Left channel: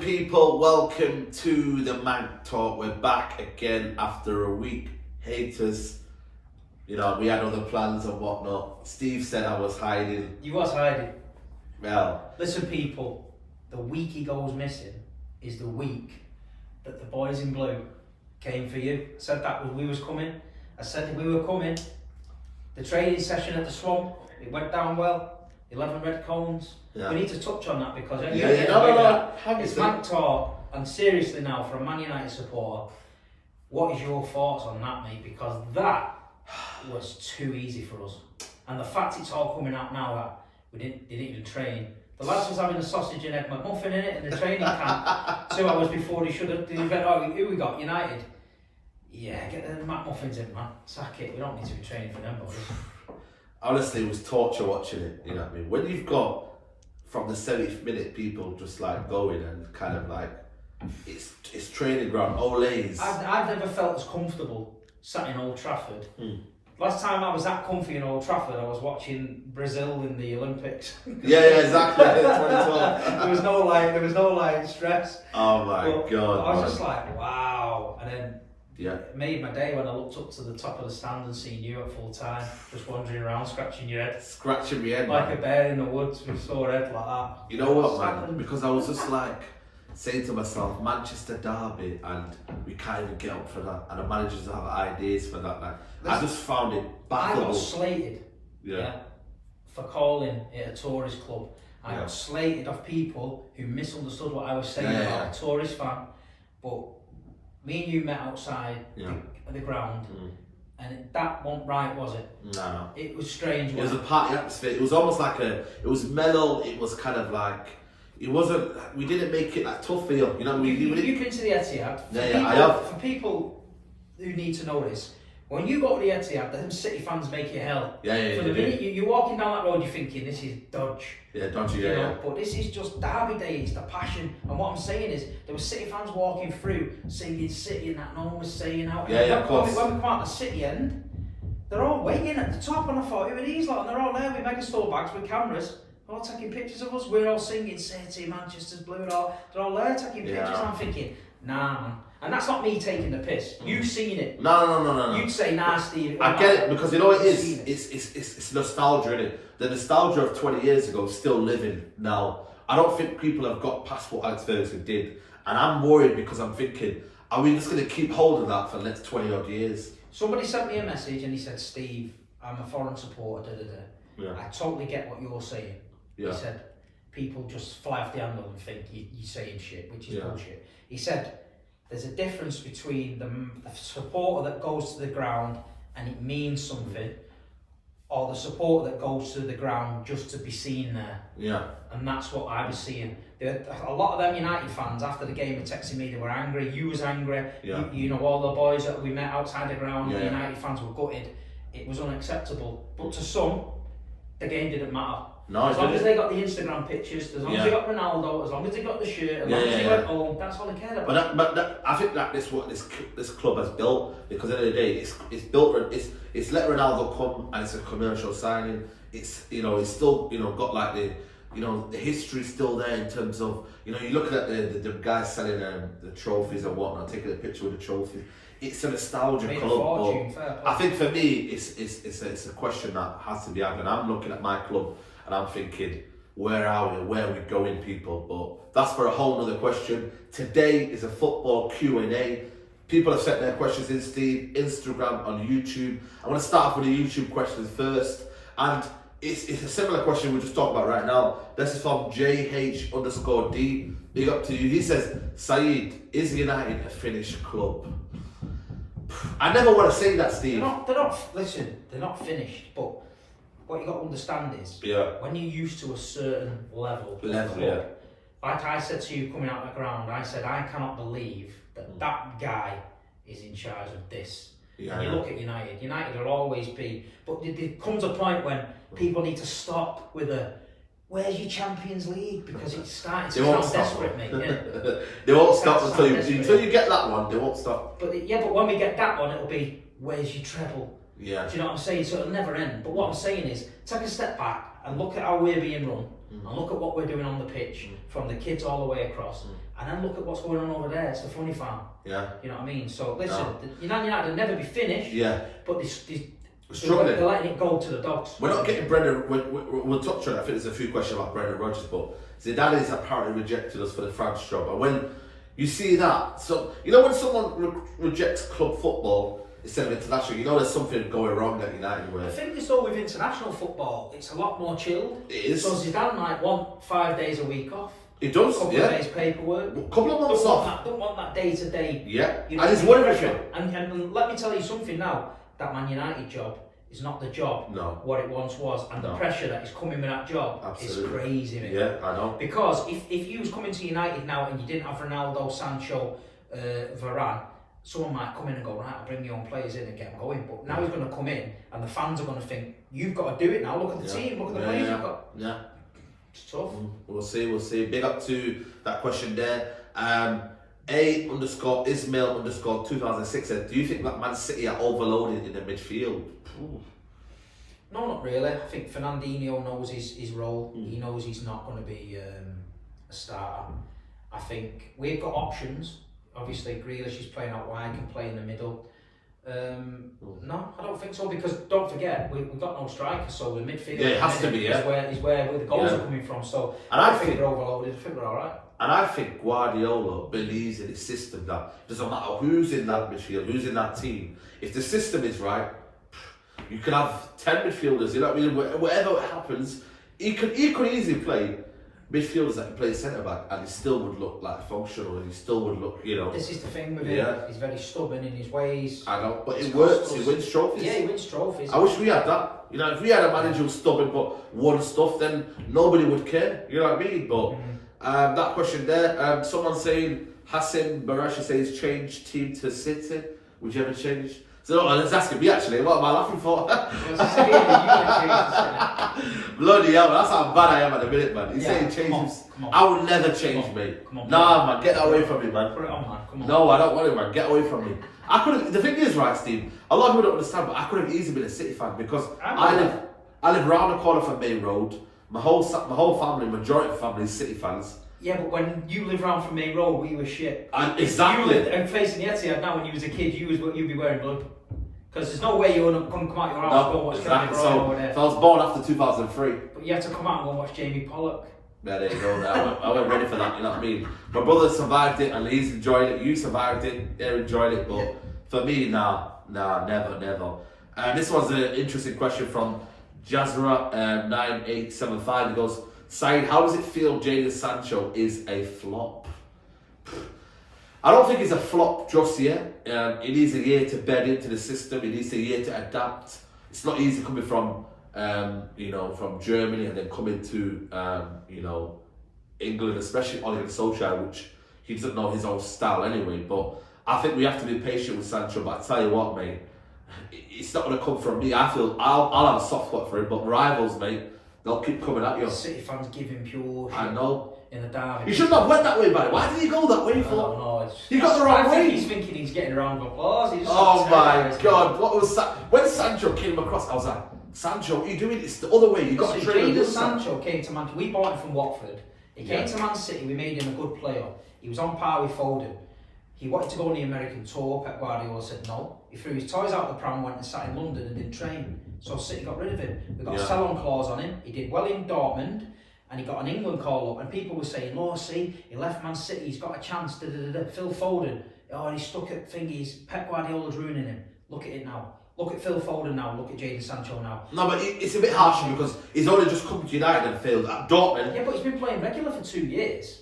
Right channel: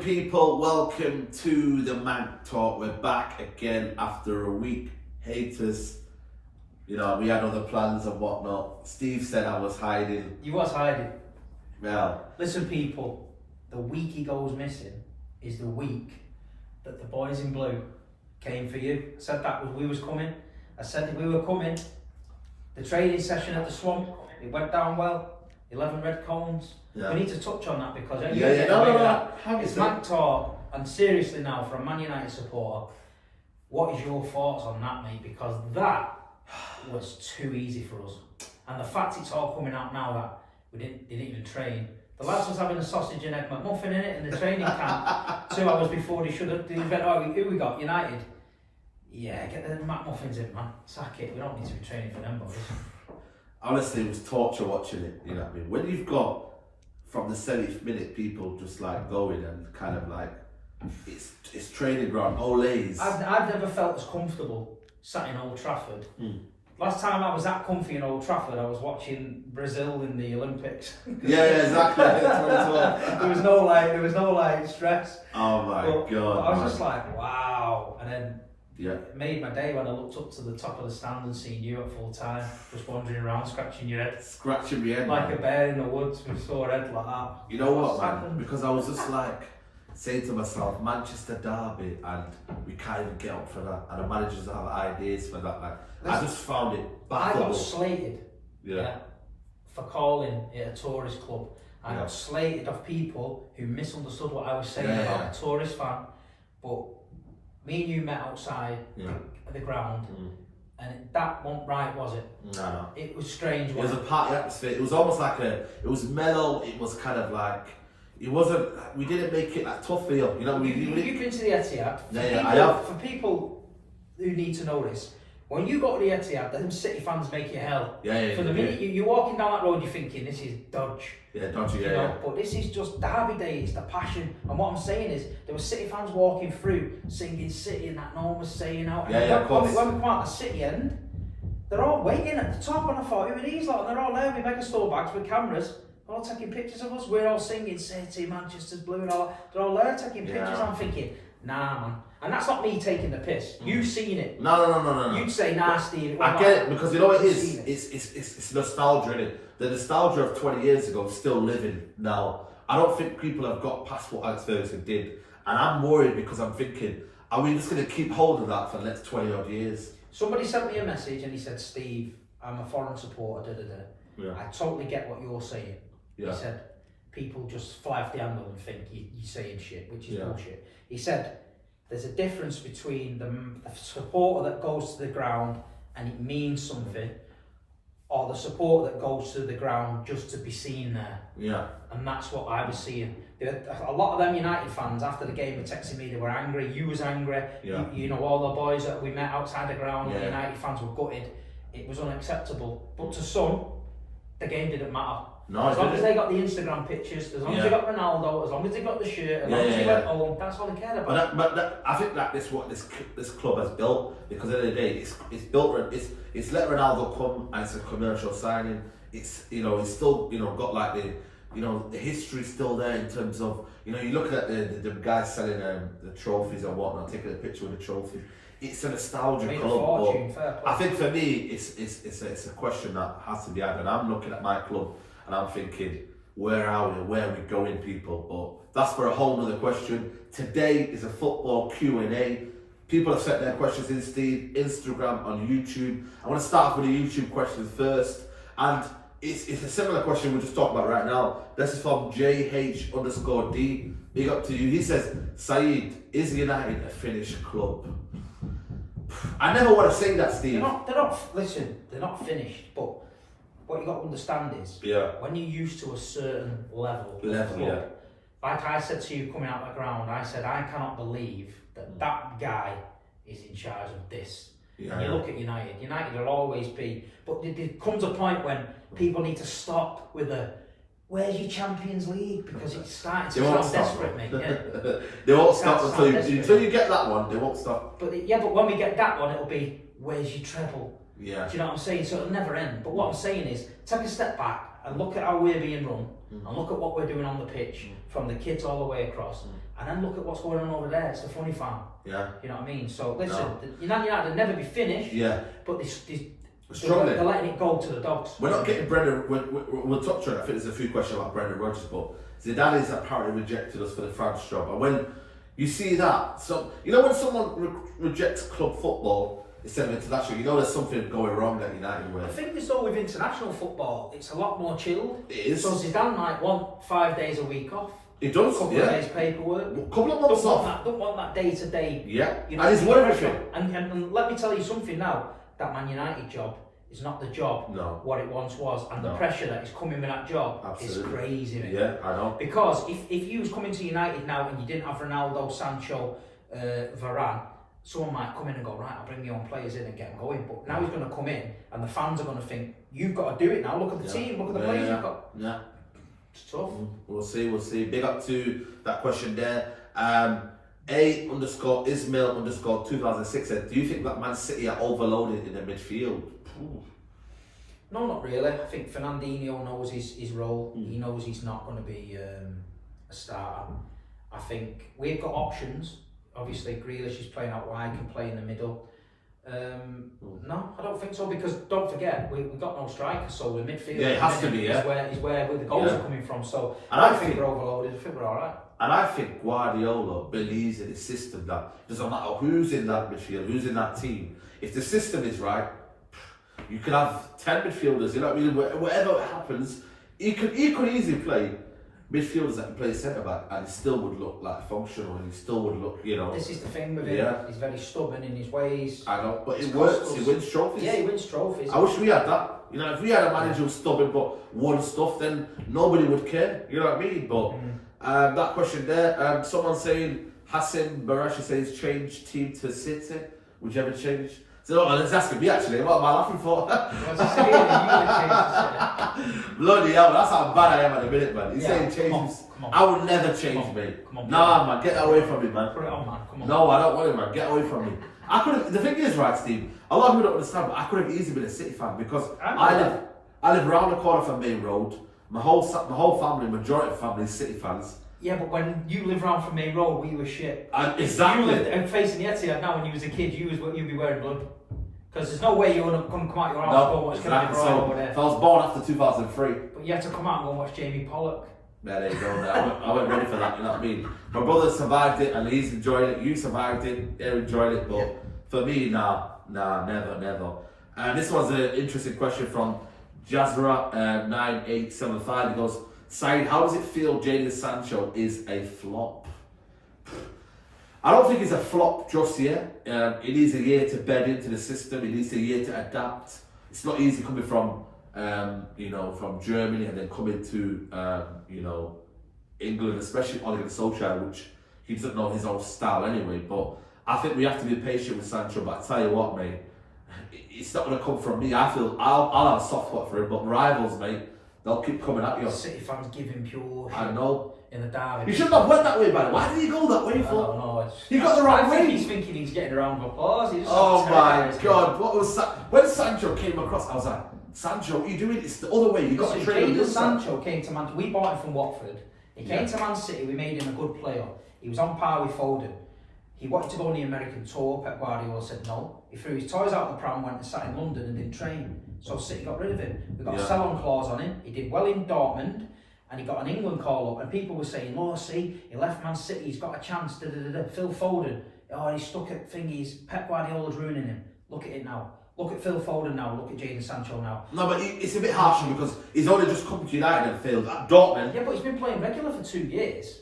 people, welcome to the Man Talk. We're back again after a week. Haters, you know, we had other plans and whatnot. Steve said I was hiding. You was hiding. Well, listen people, the week he goes missing is the week that the boys in blue came for you. I said that we was coming. I said we were coming. The training session at the Swamp, it went down well. 11 red cones. Yeah. We need to touch on that because it's Man Talk, and seriously now, for a Man United supporter, what is your thoughts on that, mate? Because that was too easy for us, and the fact it's all coming out now that they didn't even train. The lads was having a sausage and egg McMuffin in it in the training camp 2 hours before they should have. They went, oh, who we got? United. Yeah, get the McMuffins in, man. Sack it. We don't need to be training for them boys. Honestly, it was torture watching it, you know what I mean? When you've got, from the 70th minute, people just like going and kind of like, it's training ground, Olays. I've never felt as comfortable sat in Old Trafford. Last time I was that comfy in Old Trafford, I was watching Brazil in the Olympics. Yeah, exactly. 2012. there was no stress. Oh my God. I was just like, wow. And then yeah, it made my day when I looked up to the top of the stand and seen you at full time, just wandering around, scratching your head. Scratching my head, like man. A bear in the woods with a sore head like that. You know what, man? Because I was just like saying to myself, Manchester derby, and we can't even get up for that, and the managers have ideas for that. Like, I just found it baffable. I got slated, yeah, for calling it a tourist club. I got slated of people who misunderstood what I was saying about a tourist fan. But me and you met outside the ground, and that wasn't right, was it? No. It was strange. It was a party atmosphere. It was almost like it was mellow. It was kind of like, it wasn't, we didn't make it like tough feel. You know, you've been to the Etihad. I have. For people who need to know this, when you go to the Etihad, them City fans make you hell. For the minute you're walking down that road, you're thinking, this is dodge. Yeah, dodgy, you know, but this is just derby day, it's the passion. And what I'm saying is, there were City fans walking through, singing City, and that no one was saying out. When we come out the City end, they're all waiting at the top, and I thought, who are these lot? And they're all there with megastore bags with cameras, all taking pictures of us. We're all singing City, Manchester's blue, and all. They're all there taking pictures. And I'm thinking, nah, man. And that's not me taking the piss. You've seen it. No. You'd say, nah, Steve. I get it, because you know what it is? It's nostalgia, innit? The nostalgia of 20 years ago is still living now. I don't think people have got past what Alex Ferguson did. And I'm worried because I'm thinking, are we just going to keep hold of that for the next 20 odd years? Somebody sent me a message and he said, Steve, I'm a foreign supporter, Yeah. I totally get what you're saying. He said, people just fly off the handle and think you're saying shit, which is bullshit. He said, there's a difference between the supporter that goes to the ground and it means something, or the supporter that goes to the ground just to be seen there. Yeah. And that's what I was seeing. A lot of them United fans after the game were texting me, they were angry, you was angry, you know, all the boys that we met outside the ground, the United fans were gutted. It was unacceptable. But to some, the game didn't matter. No, as long as they got the Instagram pictures, as long as they got Ronaldo, as long as they got the shirt, as long as they went home, that's all they cared about. But I think that is what this club has built, because at the end of the day, it's built. It's let Ronaldo come, and it's a commercial signing. It's, you know, it's still, you know, got like the, you know, the history still there in terms of, you know, you look at the guys selling the trophies and whatnot, taking a picture with the trophy. It's a nostalgia club. I think for me, it's a question that has to be had, and I'm looking at my club. And I'm thinking, where are we? Where are we going, people? But that's for a whole other question. Today is a football Q&A. People have sent their questions in, Steve, Instagram, on YouTube. I want to start off with the YouTube questions first. And it's a similar question we're just talking about right now. This is from JH_D. Big up to you. He says, Saeed, is United a finished club? I never want to say that, Steve. They're not finished, but what you got to understand is, when you're used to a certain level, like I said to you coming out of the ground, I said, I cannot believe that guy is in charge of this. And you look at United will always be, but there comes a point when people need to stop with where's your Champions League? Because it's starting to sound desperate, mate. Yeah. They won't stop until you get that one, they won't stop. But when we get that one, it'll be, where's your treble? Yeah. Do you know what I'm saying? So it'll never end. But what I'm saying is, take a step back and look at how we're being run, and look at what we're doing on the pitch, from the kids all the way across, and then look at what's going on over there. It's the funny farm. Yeah. You know what I mean? So listen, Man United will never be finished. Yeah. But Struggling. they're letting it go to the dogs. We're not getting Brendan. We'll touch on it. I think there's a few questions about Brendan Rodgers, but Zidane has apparently rejected us for the France job. And when you see that, so you know when someone rejects club football instead of international, you know there's something going wrong at United. I think it's though with international football, it's a lot more chilled. It is. So Zidane might want 5 days a week off. He does. A couple of days paperwork. A couple of months off. Don't want that day to day. Yeah. You know, and he's won everything. And let me tell you something now. That Man United job is not the job what it once was, and the pressure that is coming with that job is crazy, mate. Yeah, I know. Because if you was coming to United now and you didn't have Ronaldo, Sancho, Varane, someone might come in and go, right, I'll bring your own players in and get them going. But now he's going to come in and the fans are going to think, you've got to do it now. Look at the team, look at the players you've got. Yeah. It's tough. We'll see. Big up to that question there. A_Ismail_2006 said, do you think that Man City are overloaded in the midfield? Ooh. No, not really. I think Fernandinho knows his role. He knows he's not going to be a starter. I think we've got options. Obviously, Grealish is playing out wide, can play in the middle. No, I don't think so, because don't forget, we've got no striker, so the midfield it has to be, is where the goals are coming from. So and I think we're overloaded. I think we're alright. And I think Guardiola believes in his system that doesn't matter who's in that midfield, who's in that team. If the system is right, you can have 10 midfielders, you know what I mean? Whatever happens, he could easily play midfielders that can play centre back and he still would look like functional and he still would look, you know. This is the thing with him, he's very stubborn in his ways. I know, but it works, he wins trophies. Yeah, he wins trophies. I wish we had that. You know, if we had a manager who's stubborn but won stuff, then nobody would care, you know what I mean? But that question there, someone saying, Hassan Barashi says, change team to City. Would you ever change? So no, it's asking me actually, what am I laughing for? Bloody hell, that's how bad I am at the minute, man. He's saying change. Come on. I would never change, mate. Nah, man, get that away from me, man. Put it on, man. Come on. No, I don't want it, man. Get away from me. I could have. The thing is, right, Steve. A lot of people don't understand, but I could have easily been a City fan because I live around the corner from Main Road. My whole family, majority of family, is City fans. Yeah, but when you live around from Main Road, we were shit. Exactly. You lived facing the Etihad now when you was a kid, you'd be wearing blood. Because there's no way you want to come out your house and go watch Kevin De Bruyne over there. If I was born after 2003. But you had to come out and go watch Jamie Pollock. Yeah, there you go. I wasn't ready for that, you know what I mean? My brother survived it and he's enjoyed it. You survived it, they're enjoying it. But for me, nah, never. And this one's an interesting question from Jazra9875. He goes, Saeed, how does it feel Jadon Sancho is a flop? I don't think it's a flop just yet. It needs a year to bed into the system. It needs a year to adapt. It's not easy coming from, from Germany and then coming to, England, especially Ole Gunnar Solskjaer, which he doesn't know his own style anyway. But I think we have to be patient with Sancho. But I tell you what, mate, it's not going to come from me. I feel I'll have a soft spot for him, but rivals, mate, they'll keep coming at you. City fans give him pure shit. I know. In the derby. He shouldn't have went that way, man. Why did he go that way for? I don't know. He got the right way. He's thinking he's getting a round of applause. Oh my God! What was that? When Sancho came across, I was like, Sancho, what are you doing? It's the other way. You got to train him. Sancho came to Man. We bought him from Watford. He came to Man City. We made him a good player. He was on par with Foden. He wanted to go on the American tour. Pep Guardiola said no. He threw his toys out the pram, went and sat in London and didn't train. So City got rid of him. We got a sell-on clause on him. He did well in Dortmund. And he got an England call up, and people were saying, "Oh, see, he left Man City. He's got a chance." Phil Foden, he's stuck at thingies. Pep Guardiola's ruining him. Look at it now. Look at Phil Foden now. Look at Jadon Sancho now. No, but it's a bit harsh because he's only just come to United and failed at Dortmund. Yeah, but he's been playing regular for 2 years.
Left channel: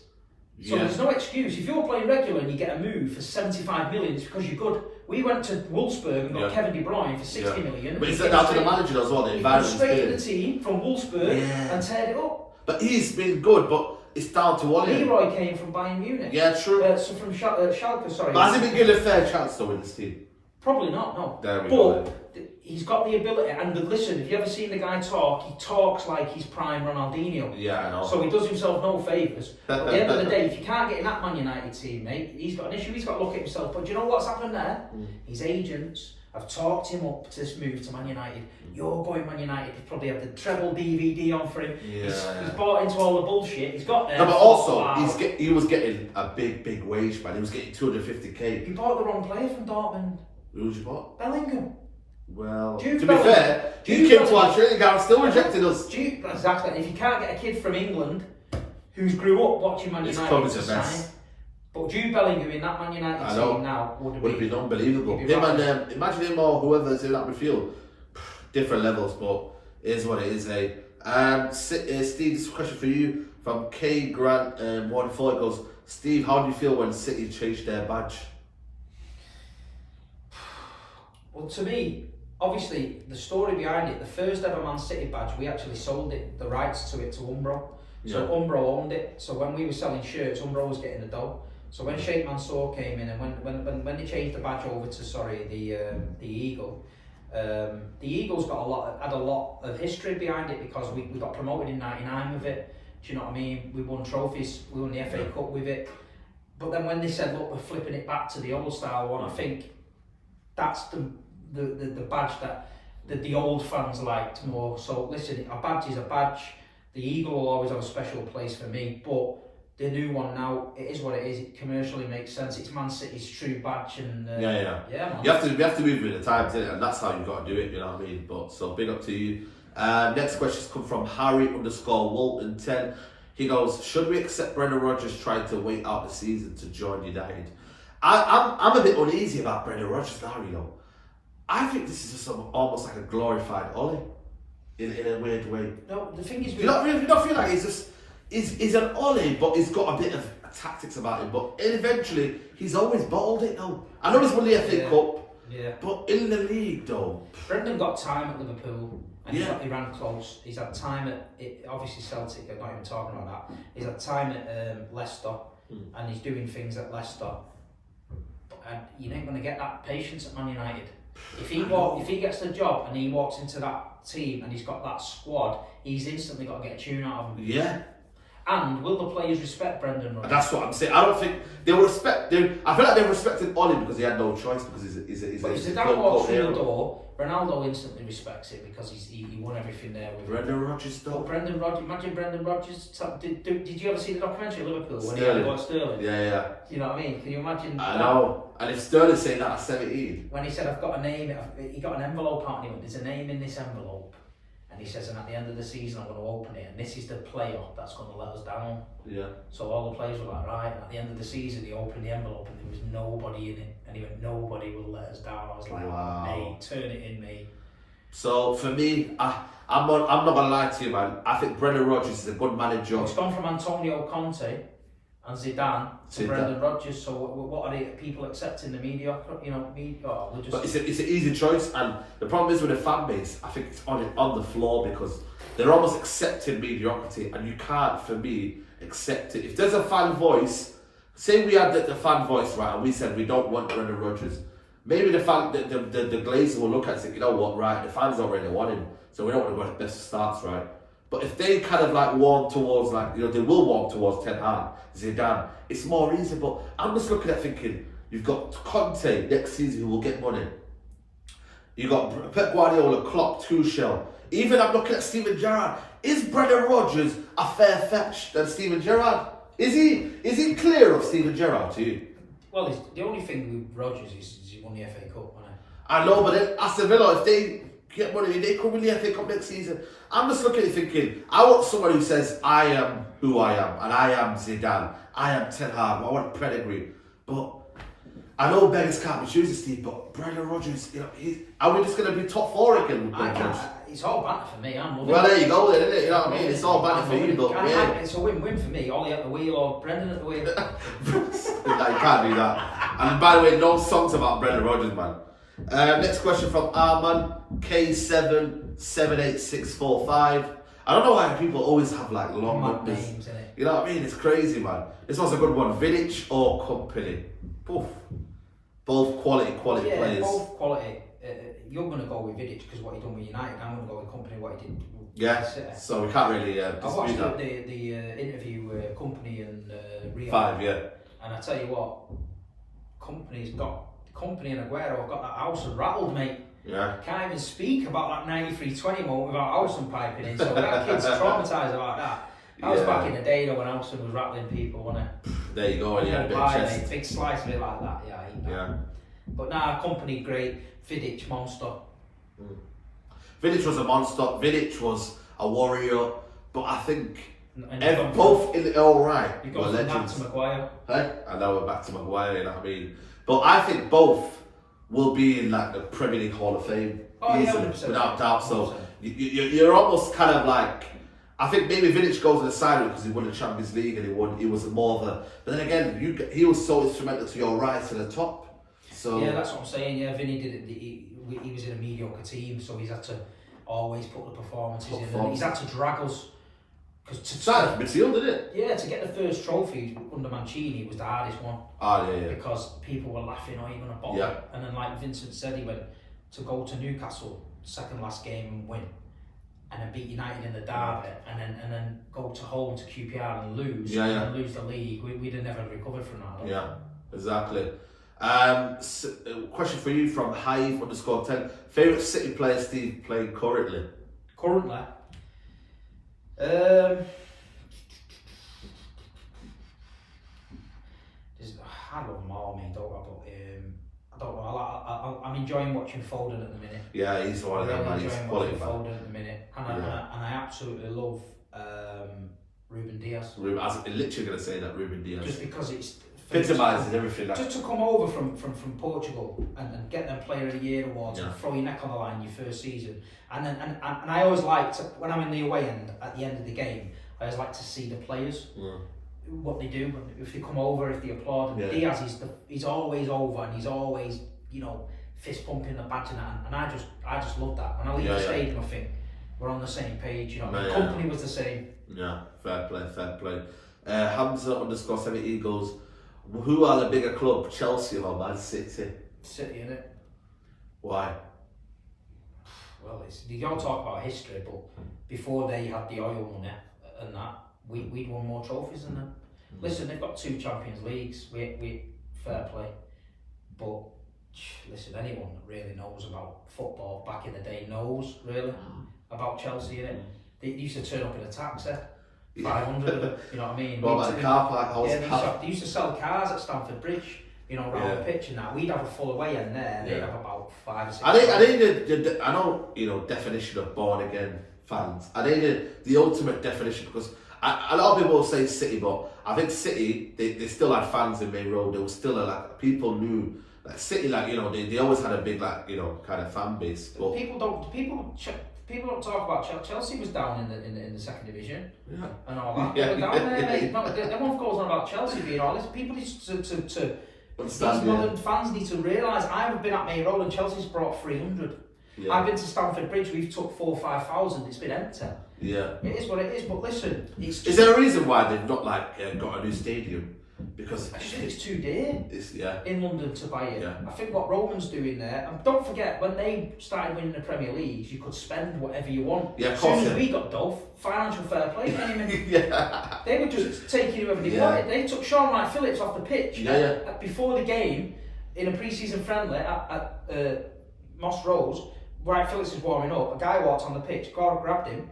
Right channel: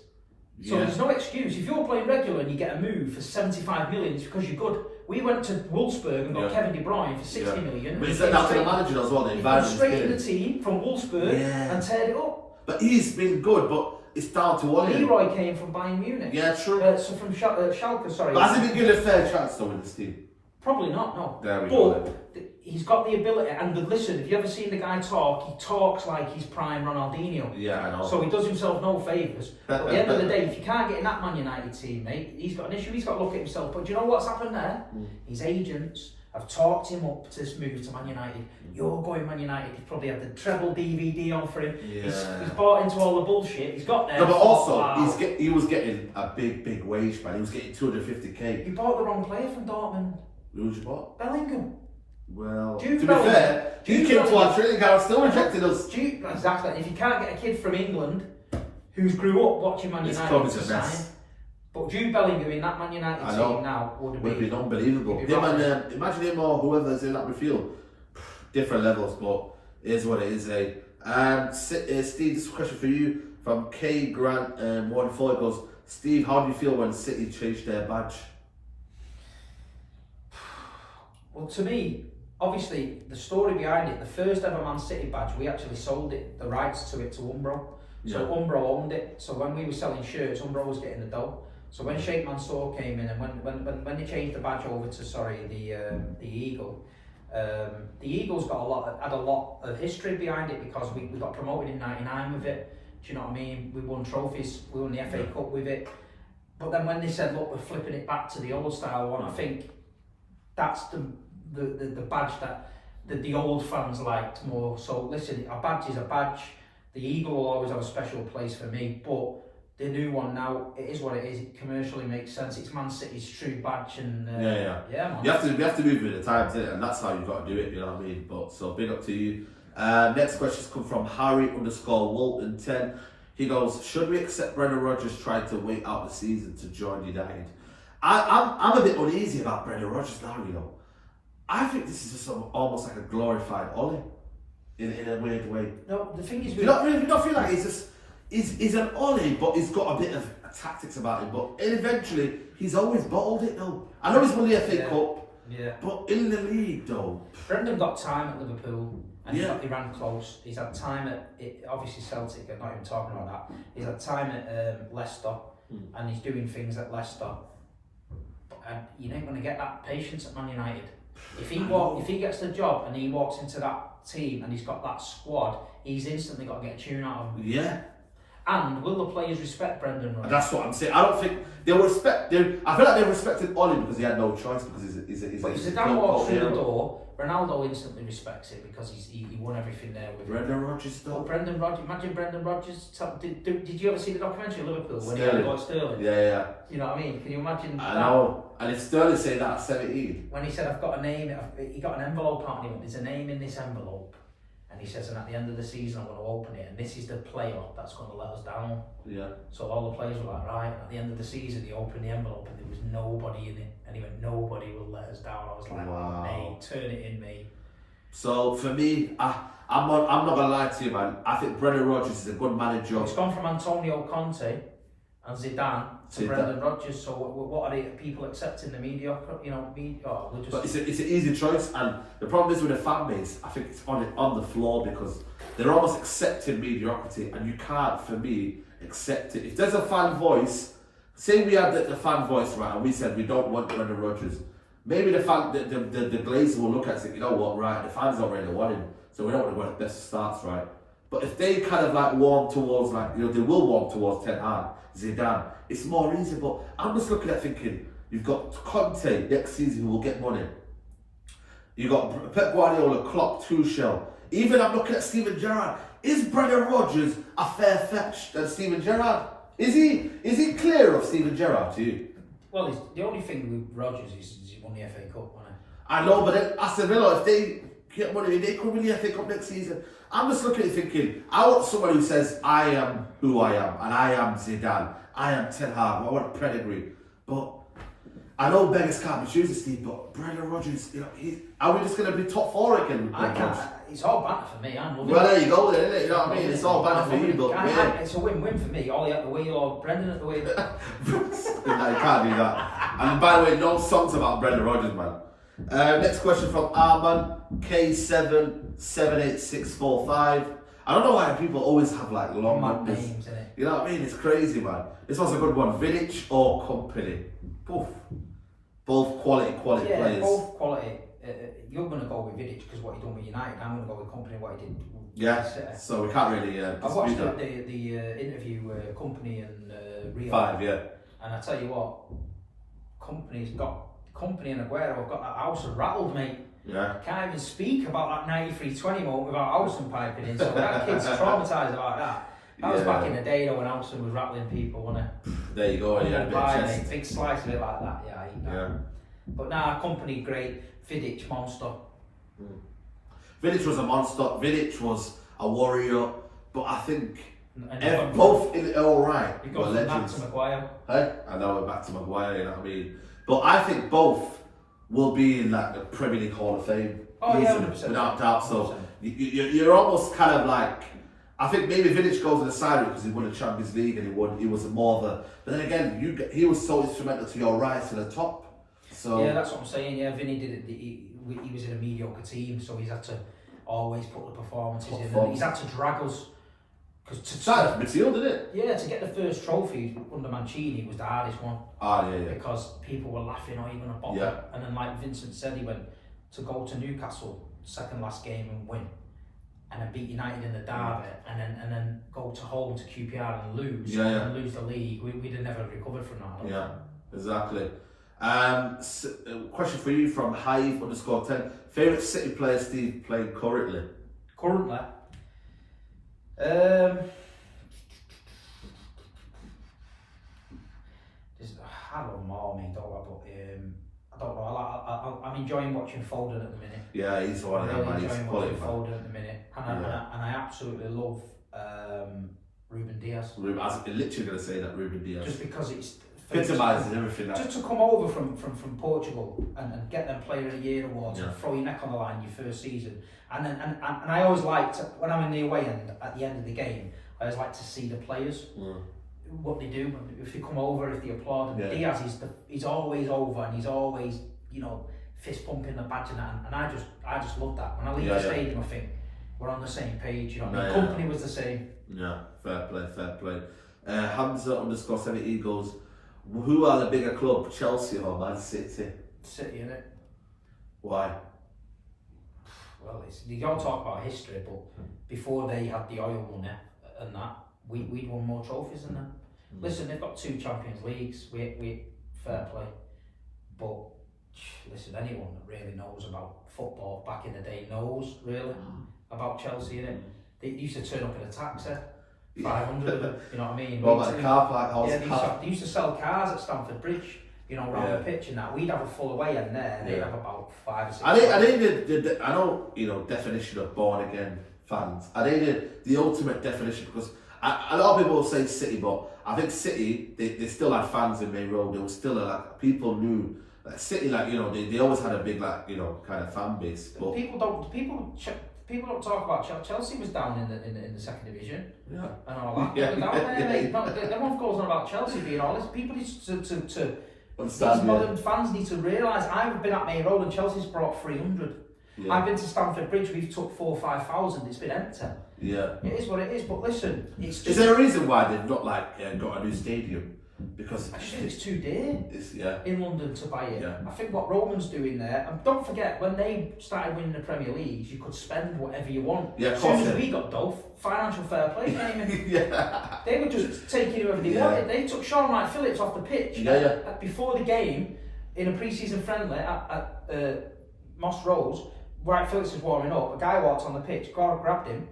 So there's no excuse. If you're playing regular and you get a move for 75 million, it's because you're good. We went to Wolfsburg and got Kevin De Bruyne for 60 million. But it's down to the manager as well. The environment. Straight in the team from Wolfsburg and teared it up. But he's been good, but it's down to one. Leroy came from Bayern Munich. Yeah, true. So from Schalke, sorry. But has he been given a fair chance though in this team? Probably not, no. There we go. He's got the ability, and listen, if you ever seen the guy talk, he talks like he's prime Ronaldinho. Yeah, I know. So he does himself no favours. But at the end of the day, if you can't get in that Man United team, mate, he's got an issue, he's got to look at himself. But do you know what's happened there? His agents I've talked him up to this move to Man United. You're going Man United. He's probably had the treble DVD on for him. Yeah. He's bought into all the bullshit. He's got there. No, but also wow. he was getting a big wage, man. He was getting 250k. You bought the wrong player from Dortmund. Who did you bought? Bellingham. Well, Jude to Bellingham. be fair, he came to our training ground, still rejected us. Exactly. If you can't get a kid from England who's grew up watching Man This United club is to a sign, mess. but Jude Bellingham in that Man United team now would have been unbelievable. Him and imagine him or whoever's in that midfield, different levels, but it is what it is, eh? Steve, this is a question for you from K Grant 1-4. It goes, Steve, how do you feel when City changed their badge? Well, to me, obviously, the story behind it, the first ever Man City badge, we actually sold it, the rights to it, to Umbro. So Umbro owned it. So when we were selling shirts, Umbro was getting the dough. So when Sheikh Mansour came in, and when they changed the badge over to the Eagle, the Eagle's had a lot of history behind it because we got promoted in '99 with it. Do you know what I mean? We won trophies. We won the FA Cup with it. But then when they said, look, we're flipping it back to the old style one, I think that's the badge that the old fans liked more. So listen, a badge is a badge. The Eagle will always have a special place for me, but the new one now, it is what it is. It commercially makes sense. It's Man City's true badge, and yeah, man. You have to move with the times, innit? And that's how you've got to do it. You know what I mean? But so big up to you. Next questions come from Harry_Walton10. He goes, should we accept Brendan Rodgers trying to wait out the season to join United? I'm a bit uneasy about Brendan Rodgers now. You know, I think this is just almost like a glorified Ollie in a weird way. No, the thing is, you don't feel like he's an Ollie, but he's got a bit of tactics about him. But eventually, he's always bottled it though. I know he's won the FA Cup, but in the league though. Brendan got time at Liverpool, and he ran close. He's had time at obviously Celtic. I'm not even talking about that. He's had time at Leicester, and he's doing things at Leicester. And you ain't going to get that patience at Man United. If he gets the job and he walks into that team and he's got that squad, he's instantly got to get a tune out of him. Yeah. And will the players respect Brendan Rodgers? That's what I'm saying. I don't think they will respect him. I feel like they respected Ollie because he had no choice because he's a But if Zidane walks through the door, Ronaldo instantly respects it because he won everything there with Brendan Rodgers though. Brendan Rodgers, imagine Brendan Rodgers. Did you ever see the documentary Liverpool when he Sterling. got Sterling? Yeah. You know what I mean? Can you imagine I that? know. And if Sterling saying that at 17, when he said, "I've got a name," he got an envelope out and he went, "There's a name in this envelope," and he says, "And at the end of the season, I'm going to open it, and this is the player that's going to let us down." Yeah. So all the players were like, "Right." And at the end of the season, he opened the envelope and there was nobody in it, and he went, "Nobody will let us down." I was like, wow. "Mate, turn it in, mate." So for me, I'm not gonna lie to you, man. I think Brendan Rodgers is a good manager. It's gone from Antonio Conte and Zidane to Brendan Rodgers. So what are the people accepting the media? You know, just. But it's an easy choice, and the problem is with the fan base. I think it's on the floor because they're almost accepting mediocrity, and you can't, for me, accept it. If there's a fan voice, say we had the fan voice, right, and we said we don't want Brendan Rodgers. Maybe the Glazer will look at it and say, you know what, right, the fans already want him, so we don't want to go to the best starts, right? But if they kind of like warm towards, like, you know, they will warm towards Ten Hag, Zidane, it's more reasonable. I'm just looking at thinking, you've got Conte next season who will get money. You've got Pep Guardiola, Klopp, Tuchel. Even I'm looking at Steven Gerrard. Is Brendan Rodgers a fair fetch than Steven Gerrard? Is he clear of Steven Gerrard to you? Well, the only thing with Rodgers is he won the FA Cup, wasn't he? I know, but Aston Villa, if they get money, they could win the FA Cup next season. I'm just looking at it thinking, I want someone who says, I am who I am, and I am Zidane, I am Ten Hag, I want pedigree. But I know beggars can't be choosers, Steve, but Brendan Rodgers, you know, are we just going to be top four again? I can't. It's all banter for me. I'm loving well, it. there you go, then, isn't it? You know what I mean? It's all banter for you, but yeah. It's a win-win for me. Ollie at the wheel or Brendan at the wheel. You can't do that. And by the way, no songs about Brendan Rodgers, man. Next question from Arman K778645. I don't know why people always have like long numbers. Names, innit? You know what I mean? It's crazy, man. This one's a good one. Vidic or Company? Poof. Both quality players. Both quality. You're going to go with Vidic because what he done with United. I'm going to go with Company what he did. Yeah. So we can't really. I watched the interview Company and Rio. 5, yeah. And I tell you what, Company's got Company and Aguero have got that Howson rattled, mate. Yeah. Can't even speak about that 93-20 moment without Howson piping in. So that kid's traumatised about that. That was back in the day though when Howson was rattling people, wasn't it? There you go, yeah. Big slice of it like that, yeah. I eat that. Yeah. But nah, Company great. Vidic monster. Vidic was a monster. Vidic was a warrior. But I think And both in all right. You got from that to Maguire. Hey, I know we're back to Maguire. You know what I mean? But I think both will be in like the Premier League Hall of Fame. Oh yeah, easily, 100%. without doubt. So 100%. you're almost kind of like. I think maybe Vidic goes on the side because he won the Champions League and he was more of a. But then again, he was so instrumental to your rise to the top. So yeah, that's what I'm saying. Yeah, Vinny did it. He was in a mediocre team, so he's had to always put the performances in. And he's had to drag us. Midfield, didn't it? Yeah, to get the first trophy under Mancini was the hardest one. Ah, yeah. Because people were laughing, oh, you're going to bottle. Yeah. And then, like Vincent said, he went to go to Newcastle, second last game and win. And then beat United in the derby, and then go to home to QPR and lose, and lose the league. We'd have never recovered from that. Yeah, exactly. Question for you from Hive_10. Favourite City player Steve playing currently? Currently? I love them all, mate, don't I? But I don't know. I'm enjoying watching Foden at the minute. Yeah, he's one of them, man. He's quality, man. Foden at the minute, and I absolutely love Ruben Diaz. I was literally going to say that Ruben Diaz. Just because it's epitomises everything. Just to come over from Portugal and get them Player of the Year awards and throw your neck on the line your first season, and I always like to, when I'm in the away end at the end of the game, I always like to see the players. What they do, if they come over, if they applaud. And Diaz, he's always over, and he's always, fist pumping the badge and that. And I just love that. When I leave the stadium, I think we're on the same page. Company was the same. Yeah, fair play. Hamza_70 goes, who are the bigger club, Chelsea or Man City? City, innit? Why? Well, you don't talk about history, but before they had the oil money and that, we'd won more trophies than them. Listen, they've got 2 Champions Leagues. We fair play, but listen, anyone that really knows about football back in the day knows really about Chelsea. Innit? They used to turn up in a taxi, 500 of them. You know what I mean? Well, like the car park house. Yeah, they used to sell cars at Stamford Bridge. Round the pitch and that. We'd have a full away end there. They'd have about 5 or 6. I think I know definition of born again fans. I think the ultimate definition, because a lot of people will say City, but I think City, they still had fans in Main Road. There was still people knew that City, they always had a big kind of fan base. But people don't talk about Chelsea was down in the second division. Yeah. And all that. They were down there, mate. Everyone goes on about Chelsea being honest. People need to these modern fans need to realise I've been at Main Road and Chelsea's brought 300. Yeah. I've been to Stamford Bridge, we've took 4,000 or 5,000, it's been empty. Yeah. It is what it is, but listen, it's just... Is there a reason why they've not got a new stadium? Because I just think it's too dear in London to buy it. I think what Roman's doing there, and don't forget, when they started winning the Premier Leagues, you could spend whatever you want. As soon as we got Dove, financial fair play came in. They were just taking whoever they wanted. They took Sean Wright Phillips off the pitch before the game in a pre-season friendly at Moss Rose. Wright Phillips was warming up. A guy walked on the pitch, grabbed him,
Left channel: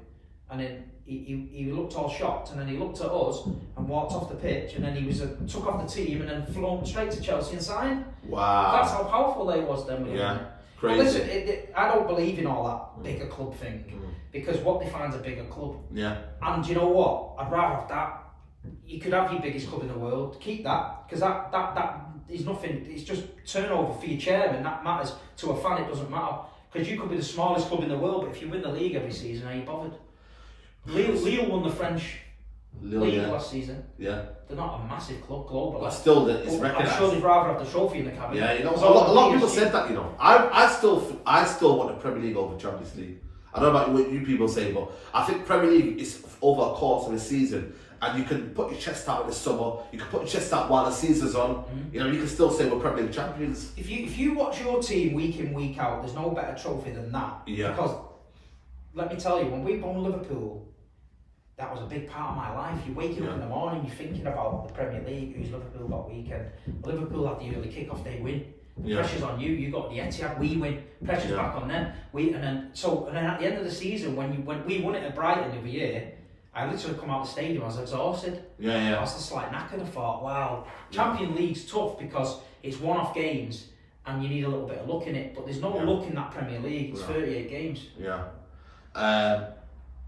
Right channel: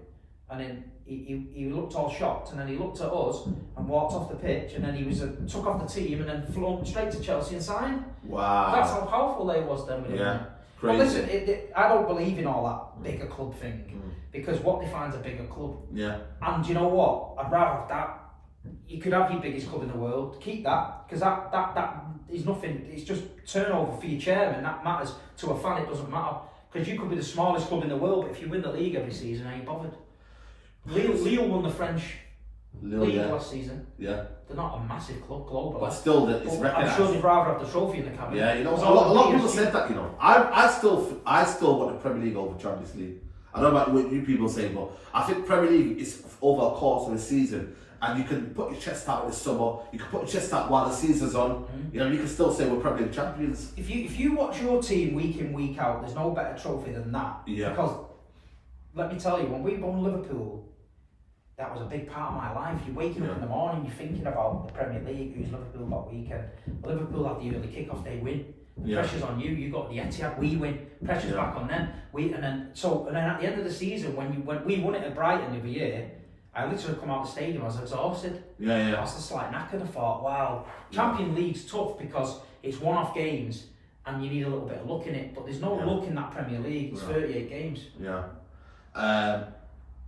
and then he looked all shocked, and then he looked at us and walked off the pitch, and then he was took off the team and then flown straight to Chelsea and signed. Wow! That's how powerful they was then. Crazy. But listen, I don't believe in all that bigger club thing because what defines a bigger club? Yeah. And you know what? I'd rather have that. You could have your biggest club in the world, keep that, because that is nothing. It's just turnover for your chairman. That matters to a fan. It doesn't matter. Because you could be the smallest club in the world, but if you win the league every season, are you bothered? Lille won the French league last season. Yeah. They're not a massive club globally. But still, it's recognised. I'm sure they'd rather have the trophy in the cabinet. Yeah, a lot of people said that, I still want the Premier League over Champions League. I don't know about what you people say, but I think Premier League is over a course of the season. And you can put your chest out in the summer. You can put your chest out while the season's on. You can still say we're Premier League champions. If you watch your team week in, week out, there's no better trophy than that. Yeah. Because let me tell you, when we won Liverpool, that was a big part of my life. You're waking up in the morning, you're thinking about the Premier League, who's Liverpool that weekend. Liverpool had the early kick-off, they win. Yeah. Pressure's on you. You got the Etihad. We win. Pressure's back on them. And then at the end of the season, when we won it at Brighton the other year, I literally come out of the stadium. I was exhausted. I was just like knackered. I thought, wow, Champions League's tough because it's one-off games and you need a little bit of luck in it. But there's no luck in that Premier League. It's 38 games. Yeah.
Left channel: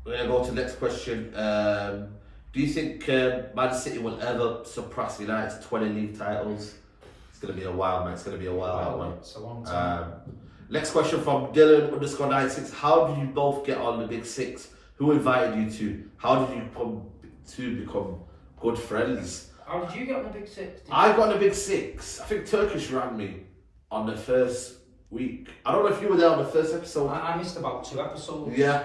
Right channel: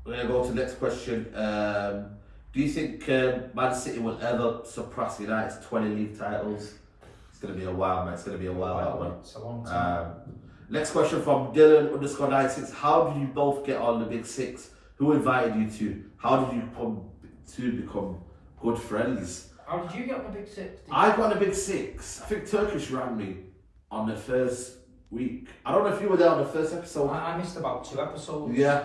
We're gonna go to the next question. Do you think Man City will ever surpass United's 20 league titles? It's going to be a while, man. It's going to be a while, man. It's a long time. Next question from Dylan_96. How did you both get on the Big Six? Who invited you to? How did you come to become good friends? How did you get on the Big Six? I got on the Big Six. I think Turkish rang me on the first week. I don't know if you were there on the first episode. I missed about 2 episodes. Yeah.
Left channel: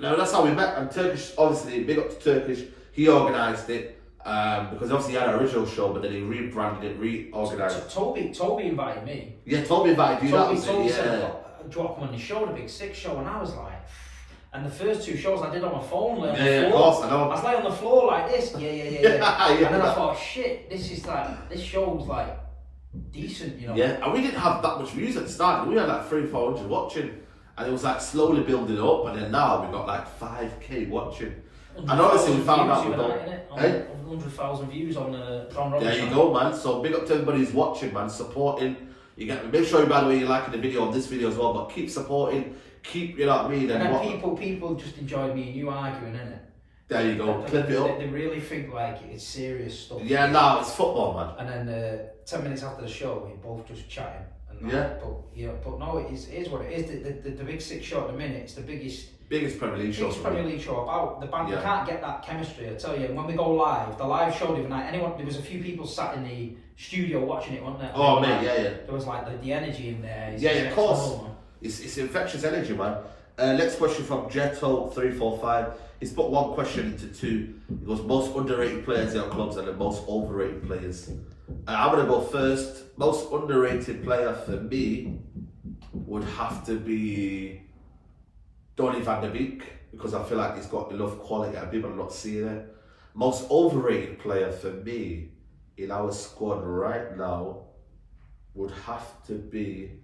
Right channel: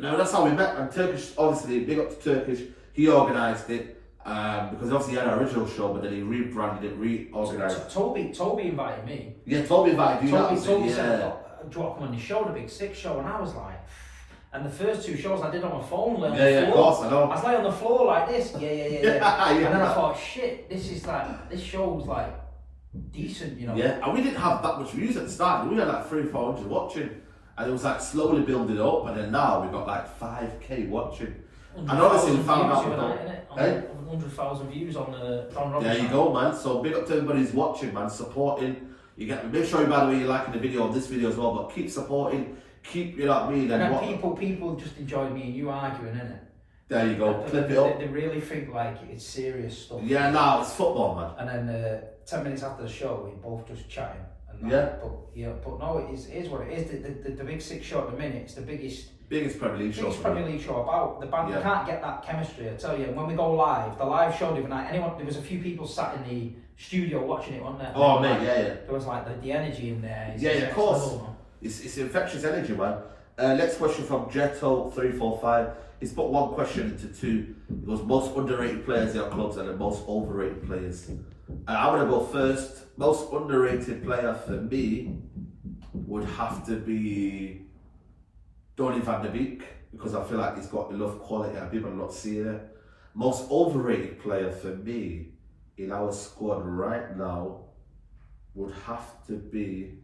No, that's how we met. And Turkish, obviously, big up to Turkish. He organised it because obviously he had an original show, but then he rebranded it, reorganised. Toby invited me. Yeah, Toby invited you. Toby said, do you want to come on the show, the Big Six show? And I was like, and the first 2 shows I did on my phone, like of course, I know. I was like on the floor like this, yeah. And then I thought, shit, this show's like decent, you know. Yeah, and we didn't have that much views at the start. We had like 300-400 watching, and it was like slowly building up, and then now we've got like 5k watching. And honestly, we found out we don't. 100,000 views on the Don Robinson. There you go, man. So big up to everybody who's watching, man, supporting. Make sure, by the way, you're liking the video on this video as well, but keep supporting, keep, you know what I mean. And then people just enjoyed me and you arguing, innit? There you go, clip it up. They really think like it's serious stuff. Yeah, no, it's football, man. And then 10 minutes after the show, we both just chatting. And but no, it is what it is. The Big Six show at the minute, it's the biggest Premier League show. Premier League show about. The band, you can't get that chemistry. I tell you, when we go live, the live show the other night, there was a few people sat in the studio watching it, wasn't there? Oh, mate, yeah. There was like the energy in there. Of course. It's infectious energy, man. Next question from Jetto345. He's put one question into 2. He goes, most underrated players in our clubs and the most overrated players. I'm going to go first. Most underrated player for me would have to be Donny van de Beek, because I feel like he's got enough quality and people are not seeing it. Most overrated player for me in our squad right now would have to be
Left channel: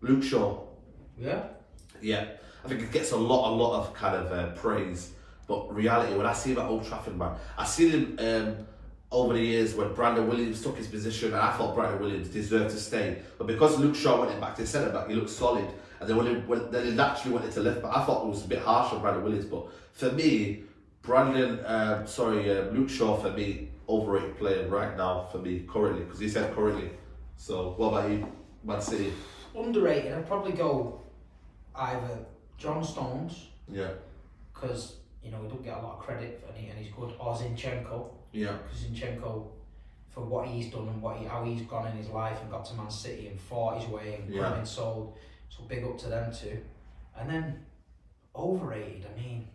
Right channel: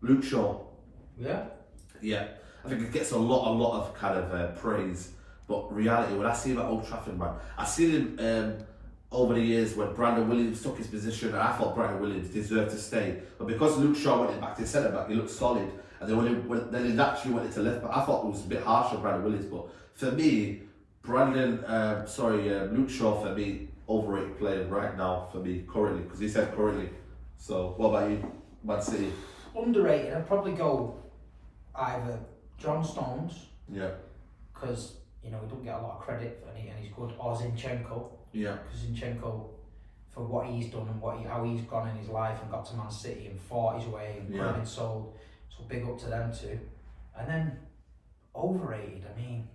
Luke Shaw. Yeah. I think it gets a lot of kind of praise, but reality, when I see him at Old Trafford, man, I've seen him over the years when Brandon Williams took his position, and I thought Brandon Williams deserved to stay, but because Luke Shaw went back to centre back, he looked solid, and then he naturally went into left back. I thought it was a bit harsh on Brandon Williams, but for me, Luke Shaw for me, overrated player right now for me currently, because he said currently. So what about you, Man City? Underrated, I'd probably go either John Stones, because you know he don't get a lot of credit and he's good, or Zinchenko. Because Zinchenko, for what he's done and how he's gone in his life and got to Man City and fought his way and been sold, so big up to them too. And then overrated, I mean,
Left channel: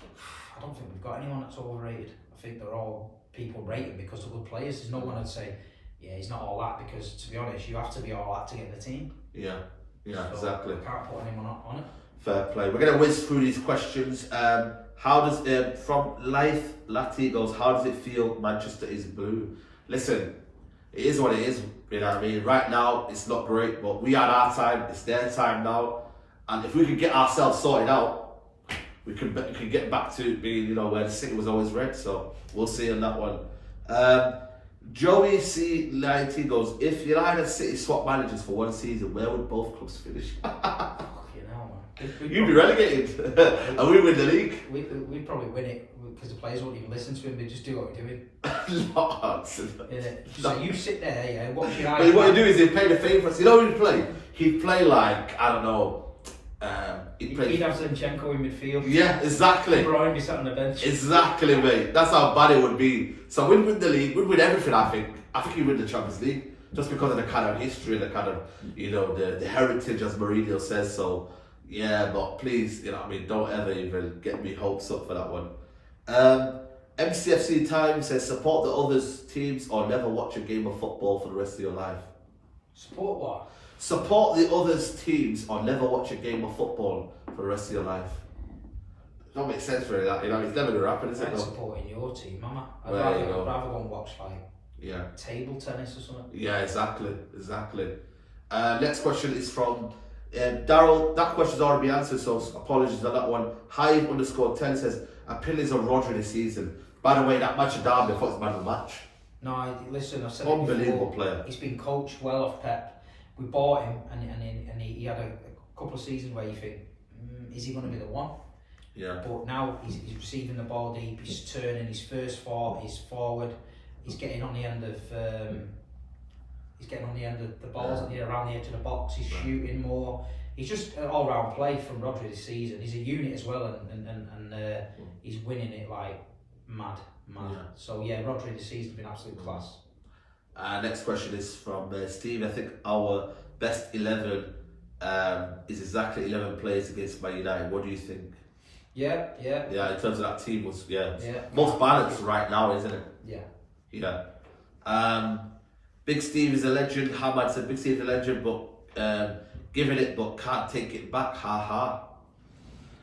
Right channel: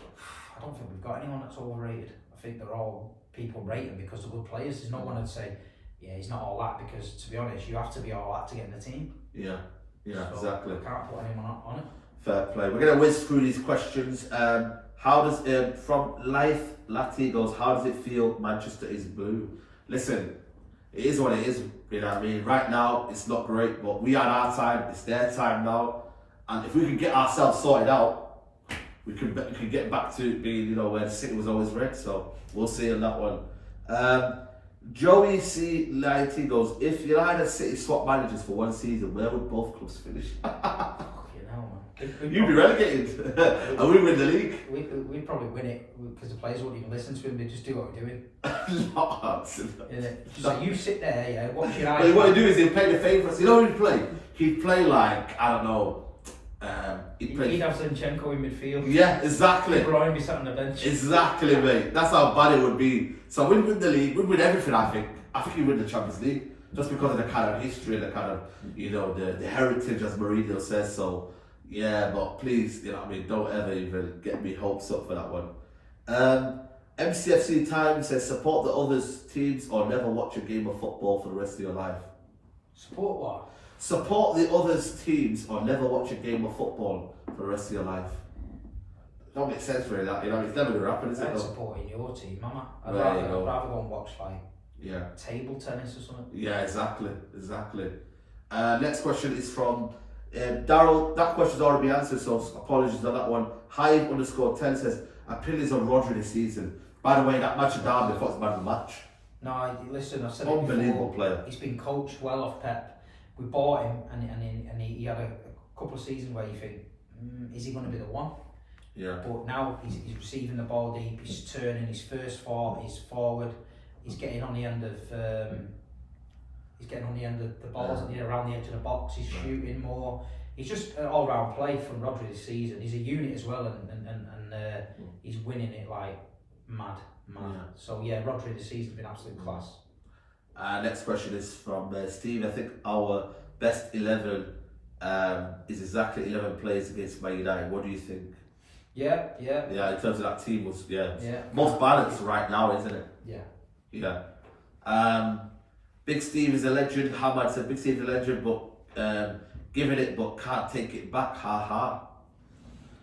I don't think we've got anyone that's overrated. I think they're all people rating because they're good players. There's no one who'd say, yeah, he's not all that, because to be honest, you have to be all that to get in the team. Yeah, so exactly. I can't put anyone on it. Fair play. We're going to whiz through these questions. How does from Life Lati goes, how does it feel Manchester is blue? Listen, it is what it is, you know what I mean? Right now, it's not great, but we had our time, it's their time now. And if we can get ourselves sorted out, we can get back to being, you know, where the City was always red. So we'll see on that one. Joey C. Lighty goes, if United City swap managers for one season, where would both clubs finish? You'd be relegated, and we win the league. We'd probably win it because the players won't even listen to him. They just do what we're doing. Like you sit there, watch your eyes. But what he'd do is he'd play the favourites. You know who he'd play? He'd play like, I don't know. He'd have Zinchenko in midfield. Yeah, exactly. Brian be sat on the bench. Exactly, mate. That's how bad it would be. So we'd win the league. We'd win everything. I think he'd win the Champions League just because of the kind of history, the kind of, you know, the heritage, as Mourinho says. So. Yeah, but please, you know what I mean, don't ever even get me hopes up for that one. MCFC Time says, support the others teams or never watch a game of football for the rest of your life. Support what? Support the others teams or never watch a game of football for the rest of your life. don't make sense really. That it's never gonna happen, is it? I'm Though? supporting your team, Mama. I'd There you go. rather go and watch like Yeah. table tennis or something. Yeah, exactly. Next question is from Daryl. That question's already been answered, so apologies on that one. Hive_10 says opinions on Rodri this season. By the way, that match of Derby, I thought it was a man of the match. No, listen, I said Unbelievable it before, player. He's been coached well off Pep. We bought him, and he had a couple of seasons where you think, is he going to be the one? Yeah. But now he's receiving the ball deep. He's turning his first thought. He's forward. He's getting on the end of. He's getting on the end of the balls around the edge of the box. He's shooting more. He's just an all-round play from Rodri this season. He's a unit as well, and he's winning it like mad. Yeah. So yeah, Rodri this season has been absolute class. Next question is from Steve. I think our best 11 is exactly 11 players against Man United. What do you think? Yeah. In terms of that team, was most balanced right now, isn't it? Yeah. Big Steve is a legend. Hamad said Big Steve is a legend, but giving it but can't take it back. Ha ha.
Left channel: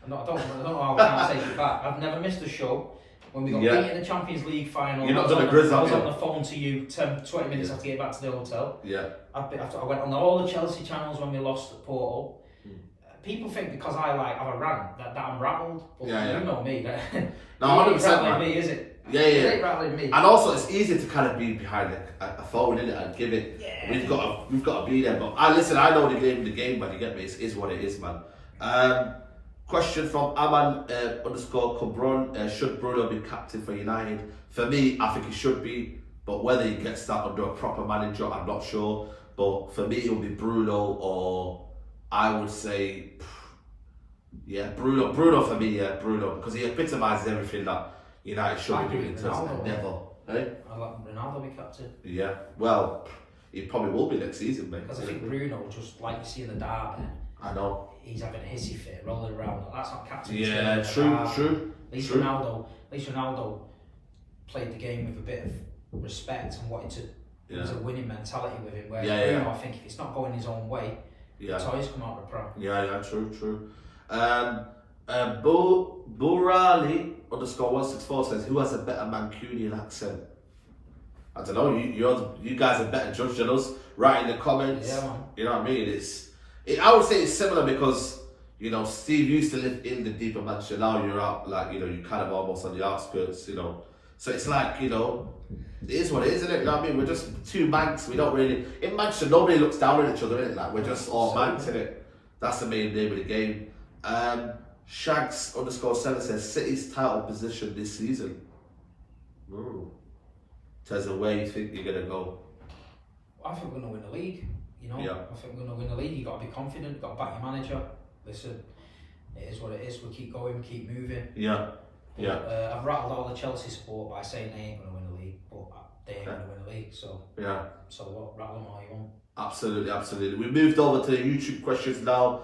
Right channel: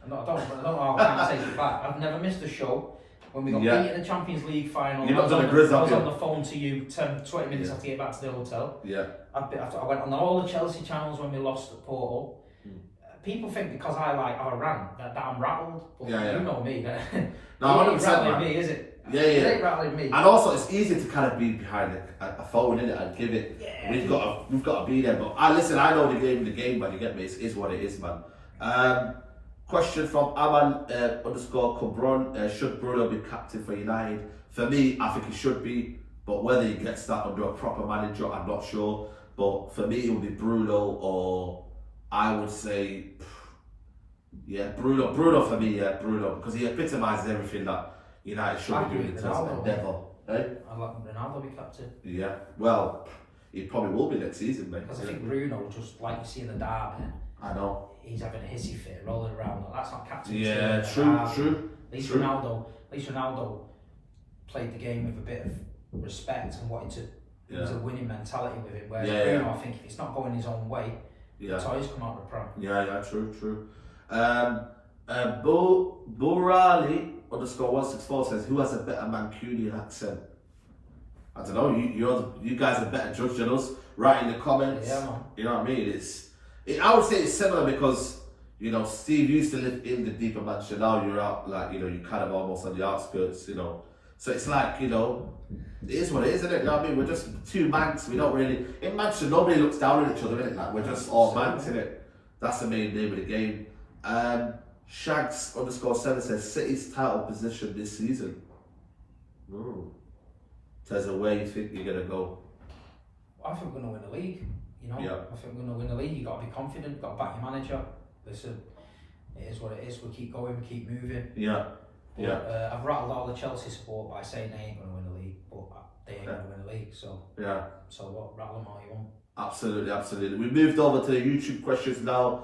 I don't know how I can't take it back. I've never missed a show. When we got beat in the Champions League final, I was on the phone to you 20 minutes after getting back to the hotel. Yeah. I went on all the Chelsea channels when we lost at Porto. People think because I have a rant that I'm rattled. But you know me. No, it ain't rattling me, is it? Yeah. It ain't rattling me. And also, it's easy to kind of be behind a phone, innit, and give it. Yeah. We've got to be there. But I know the game, but you get me. It is what it is, man. Question from Aman_Cabron. Should Bruno be captain for United? For me, I think he should be. But whether he gets that under a proper manager, I'm not sure. But for me, it would be Bruno, or I would say, Bruno. Bruno for me, Bruno, because he epitomises everything that United should be doing in terms of never. I'd like Ronaldo be captain. Yeah, well, he probably will be next season, mate. Because I think Bruno, just like you see in the derby, I know. He's having a hissy fit, rolling around. That's not captain. Yeah, true. At least Ronaldo played the game with a bit of respect and wanted to. There was a winning mentality with him. Whereas Bruno, I think if it's not going his own way, the toys come out of the pram. Yeah, true. Burali_164 says, who has a better Mancunian accent? I don't know. You guys are better judge than us. Write in the comments. Yeah, man. You know what I mean? I would say it's similar because Steve used to live in the deeper Manchester. Now you're out, you're kind of almost on the outskirts. So it's like it is what it is, isn't it? You know what I mean? We're just two Mancs. We don't really in Manchester. Nobody looks down on each other, innit? Like we're just all Mancs, innit? That's the main name of the game. Shags_7 says City's title position this season. Tells where you think you're gonna go. I think we're gonna win the league. I think we're gonna win the league. You got to be confident. You got to back your manager. Listen, it is what it is. We keep going. We keep moving. I've rattled all the Chelsea support by saying they ain't gonna win the league, but they ain't gonna win the league. So So what? Rattle them all you want. Absolutely. We moved over to the YouTube questions now.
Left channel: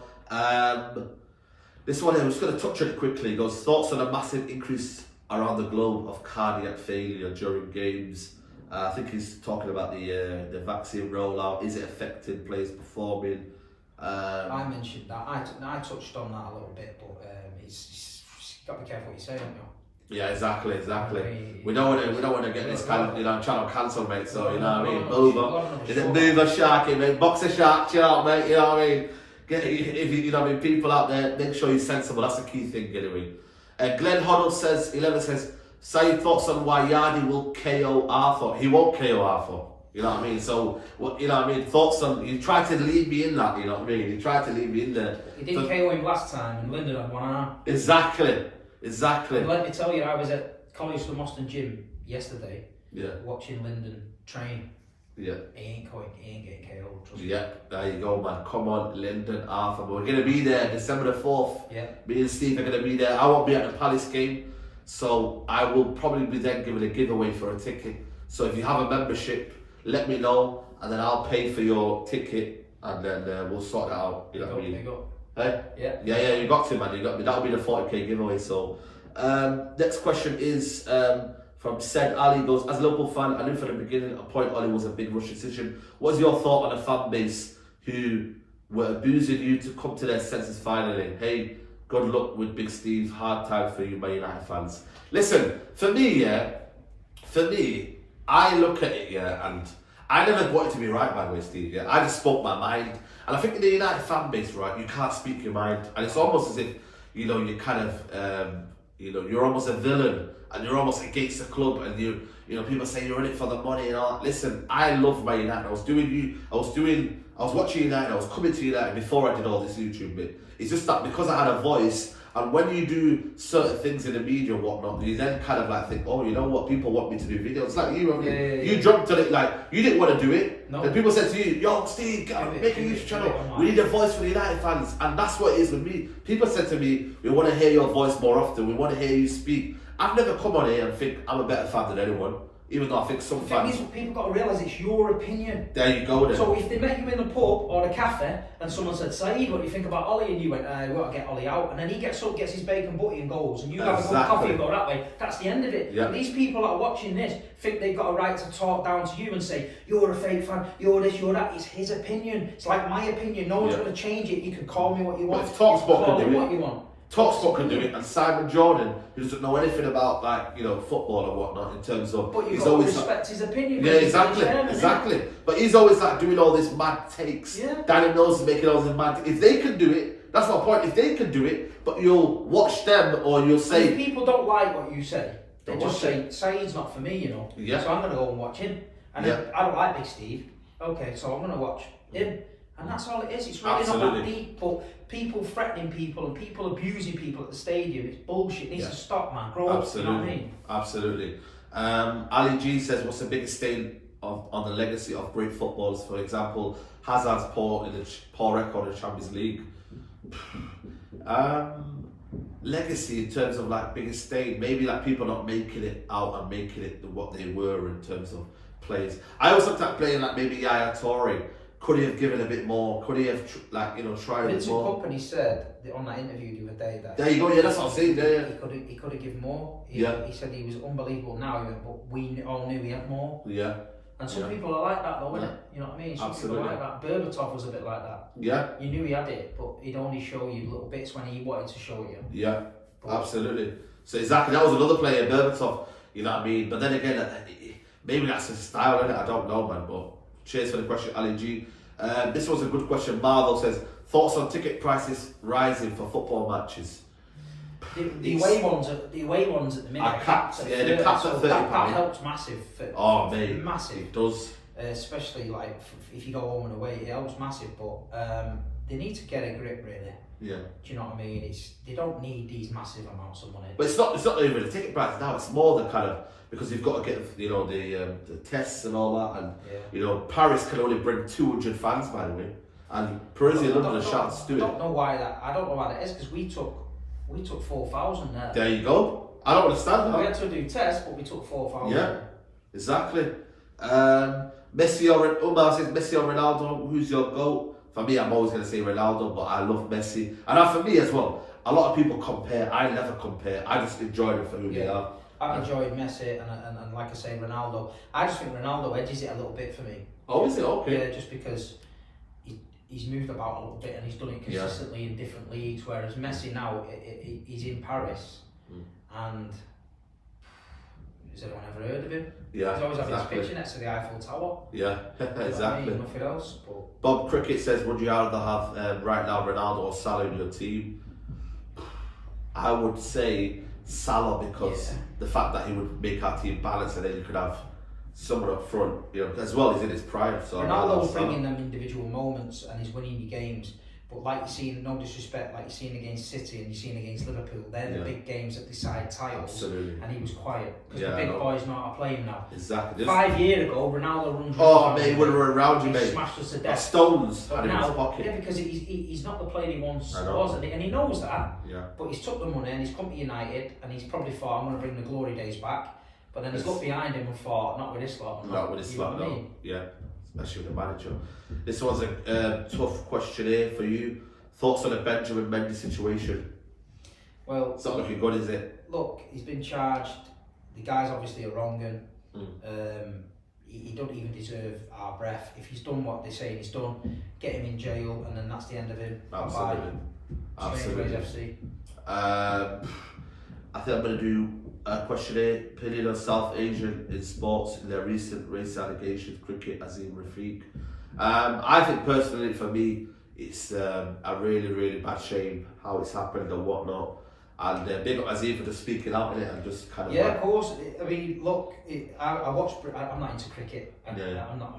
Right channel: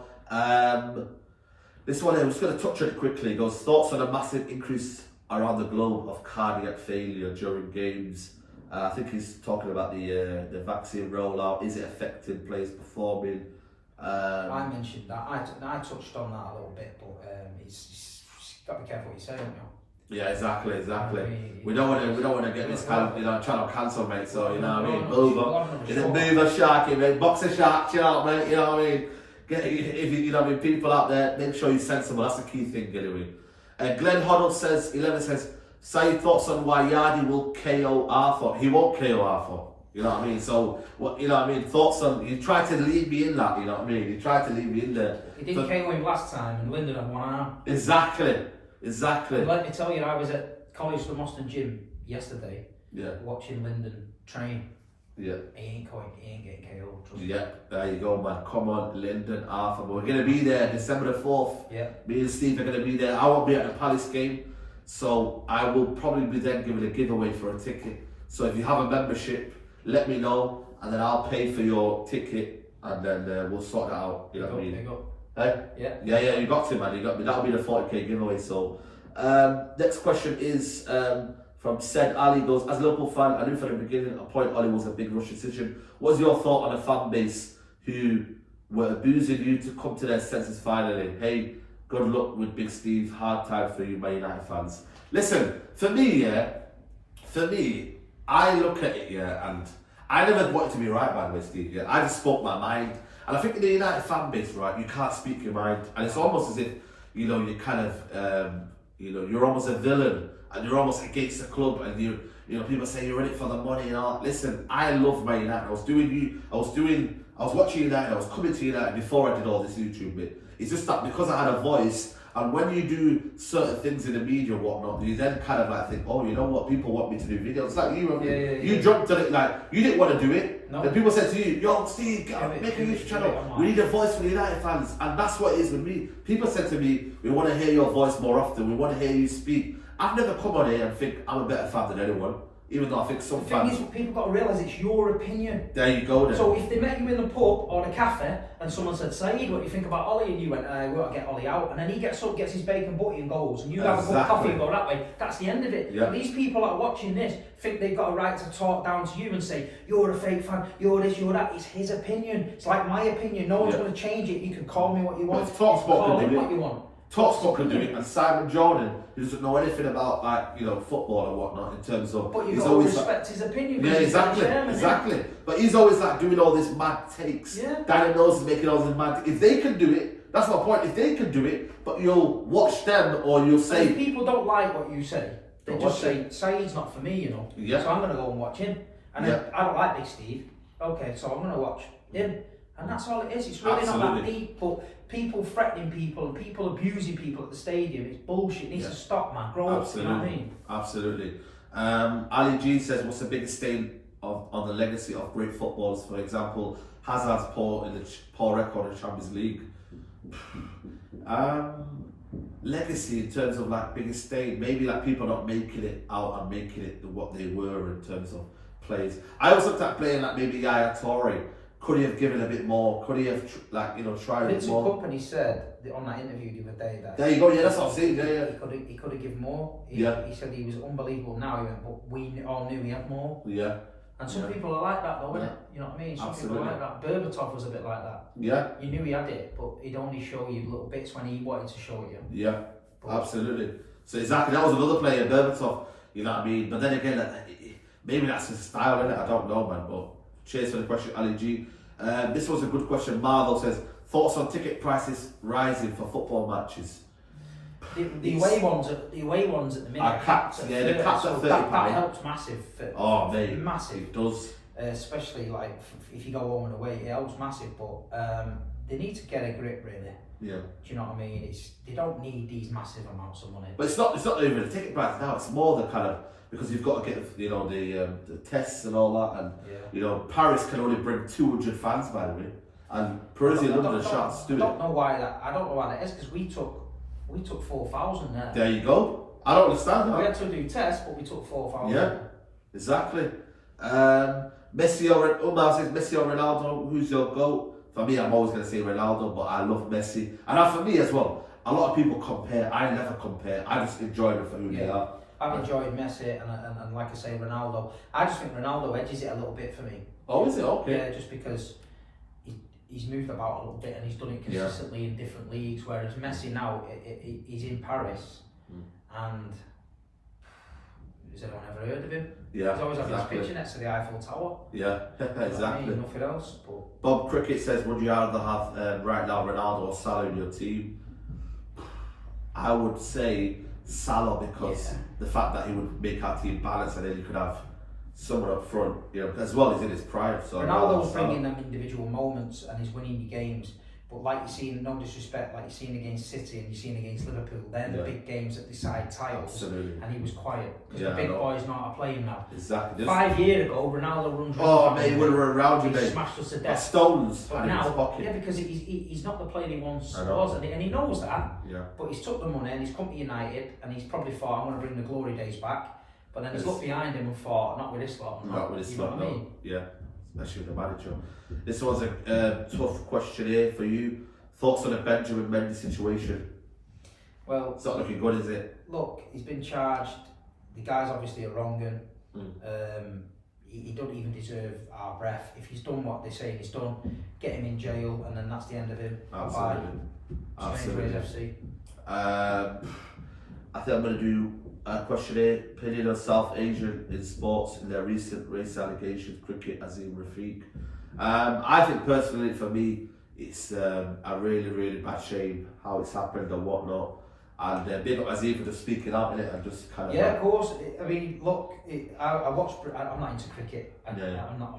This one I'm just going to touch on it quickly. It goes, thoughts on a massive increase around the globe of cardiac failure during games. I think he's talking about the vaccine rollout. Is it affecting players performing? I mentioned that. I touched on that a little bit, but it's got to be careful what you say, don't you? Yeah, exactly. We don't want to get this channel cancelled, mate. So you know what I mean. Mover, is it mover sharky, mate? Boxer shark, chill out, mate. You know what I mean. If people out there, make sure you're sensible. That's the key thing, anyway. Glenn Hoddle says 11 says, say thoughts on why Yardi will KO Arthur. He won't KO Arthur. You know what I mean? So what thoughts on you tried to leave me in that, you know what I mean? You tried to leave me in there. He didn't KO him last time and Lyndon had one arm. Exactly. And let me tell you, I was at College of the Moston Gym yesterday watching Lyndon train. Yeah. He ain't getting KO'd. Yeah, there you go, man. Come on, Lyndon, Arthur. We're going to be there December the 4th. Yeah. Me and Steve are going to be there. I won't be at the Palace game, so I will probably be then giving a giveaway for a ticket. So if you have a membership, let me know, and then I'll pay for your ticket, and then we'll sort that out. You know what I mean? Hey? Yeah, you got to, man. You got me. That'll be the 40k giveaway. So, next question is from Said Ali. Goes, as a local fan, I knew from the beginning a point Oli was a big rush decision. What's your thought on a fan base who were abusing you to come to their senses finally? Hey, Good luck with Big Steve. Hard time for you, Man United fans. Listen, for me, I look at it, and I never wanted to be right, by the way, Steve. I just spoke my mind, and I think in the United fan base, right, you can't speak your mind, and it's almost as if you kind of you're almost a villain, and you're almost against the club, and people say you're in it for the money and all. Listen, I love Man United. I was watching United. I was coming to United before I did all this YouTube bit. It's just that because I had a voice, and when you do certain things in the media and whatnot, you then kind of like think, oh, you know what, people want me to do videos. Like you jumped on it, like you didn't want to do it. No. Then people said to you, yo, Steve, make a YouTube channel. We need a voice for the United fans. And that's what it is with me. People said to me, we want to hear your voice more often. We want to hear you speak. I've never come on here and think I'm a better fan than anyone. Even though I think some fans... People got to realise it's your opinion. There you go then. So if they met you in the pub or the cafe and someone said, Saeed, what do you think about Ollie? And you went, we got to get Ollie out. And then he gets up, gets his bacon butty and goes. And you have a cup of coffee and go that way. That's the end of it. Yeah. These people that are watching this think they've got a right to talk down to you and say, you're a fake fan, you're this, you're that. It's his opinion. It's like my opinion. No one's going to change it. You can call me what you want. But call him what you want. TalkSport can do it, and Simon Jordan, who doesn't know anything about football and whatnot in terms of. But you've got to respect his opinion. Yeah, exactly. But he's always like doing all these mad takes. Yeah. Danny knows he's making all these mad. If they can do it, that's my point. If they can do it, but you'll watch them or you'll say. If people don't like what you say, they just say, Saeed's not for me, Yeah. So I'm going to go and watch him. And then, I don't like Big Steve. Okay, so I'm going to watch him. And that's all it is. It's really not that deep. But people threatening people and people abusing people at the stadium, it's bullshit. It needs to stop, man. Grow up, you know what I mean? Absolutely. Ali G says, what's the biggest stain on the legacy of great footballers? For example, Hazard's poor record in Champions League. Legacy in terms of like biggest stain, maybe like people not making it out and making it what they were in terms of plays. I also looked at playing like maybe Yaya Toure. Could he have given a bit more? Could he have tried a bit more? Vincent Kompany said on that interview the other day that. There you go. Yeah, that's what I'm saying. He could have given more. He said he was unbelievable. Now he went, but we all knew he had more. Yeah. And some people are like that though, innit? You know what I mean? Some people are like that. Berbatov was a bit like that. Yeah. You knew he had it, but he'd only show you little bits when he wanted to show you. Yeah. Absolutely. So exactly, that was another player, Berbatov. You know what I mean? But then again, maybe that's his style, innit? I don't know, man. But cheers for the question, Ali G. This was a good question. Marvel says, thoughts on ticket prices rising for football matches? The away ones at the minute are capped. They're capped at £30. That helps massive. Mate, massive. It does. Especially like if you go home and away, it helps massive. But they need to get a grip, really. Yeah. Do you know what I mean? They don't need these massive amounts of money. But it's not even the ticket price now. It's more the kind of, because you've got to get the tests and all that, and Paris can only bring 200 fans, by the way, and Parisian London are shouts to do it. I don't know why that is, because we took 4,000 there. There you go. I don't understand that. We had to do tests, but we took 4,000. Yeah, exactly. Messi or Umar says Messi or Ronaldo. Who's your GOAT? For me, I'm always going to say Ronaldo, but I love Messi. And for me as well, a lot of people compare. I never compare. I just enjoy them for who they are. I've enjoyed Messi and like I say, Ronaldo. I just think Ronaldo edges it a little bit for me. Oh, is it? Okay. Yeah, just because he's moved about a little bit and he's done it consistently in different leagues, whereas Messi now, he's in Paris and has anyone ever heard of him? Yeah, he's always having his picture next to the Eiffel Tower. Yeah, exactly. I mean, nothing else. But Bob Cricket says, would you rather have right now Ronaldo or Salah in your team? I would say Salah, because the fact that he would make our team balanced, and then you could have someone up front, as well as in his prime. So Ronaldo's bringing them individual moments and he's winning you games. But like you're seeing, no disrespect, like you're seeing against City and you're seeing against Liverpool, they're the big games that decide titles. Absolutely. And he was quiet because the big boys know how to play him now. Exactly. 5 years ago, Ronaldo runs. Mate, he would have run around you, mate. Smashed us to death. Stones. But now, because he's not the player he once was, and he knows that. Yeah. But he's took the money and he's come to United, and he's probably thought, I'm going to bring the glory days back. But then he's looked behind him and thought, not with this lot. Not with this lot, no. Yeah. Especially with the manager. This one's a tough question here for you. Thoughts on the Benjamin Mendy situation? Well, it's not looking good, is it? Look, he's been charged. The guy's obviously a wrong un. he don't even deserve our breath. If he's done what they're saying he's done, get him in jail, and then that's the end of him. Absolutely. Absolutely. FC. I think I'm going to do a questionnaire. Opinion on South Asian in sports in their recent race allegations, cricket, Azim Rafiq. I think personally, for me, it's a really, really bad shame how it's happened and whatnot. And big up Azim for just speaking out in it and just kind of. Yeah, of course. I mean, look, I watched. I'm not into cricket. I'm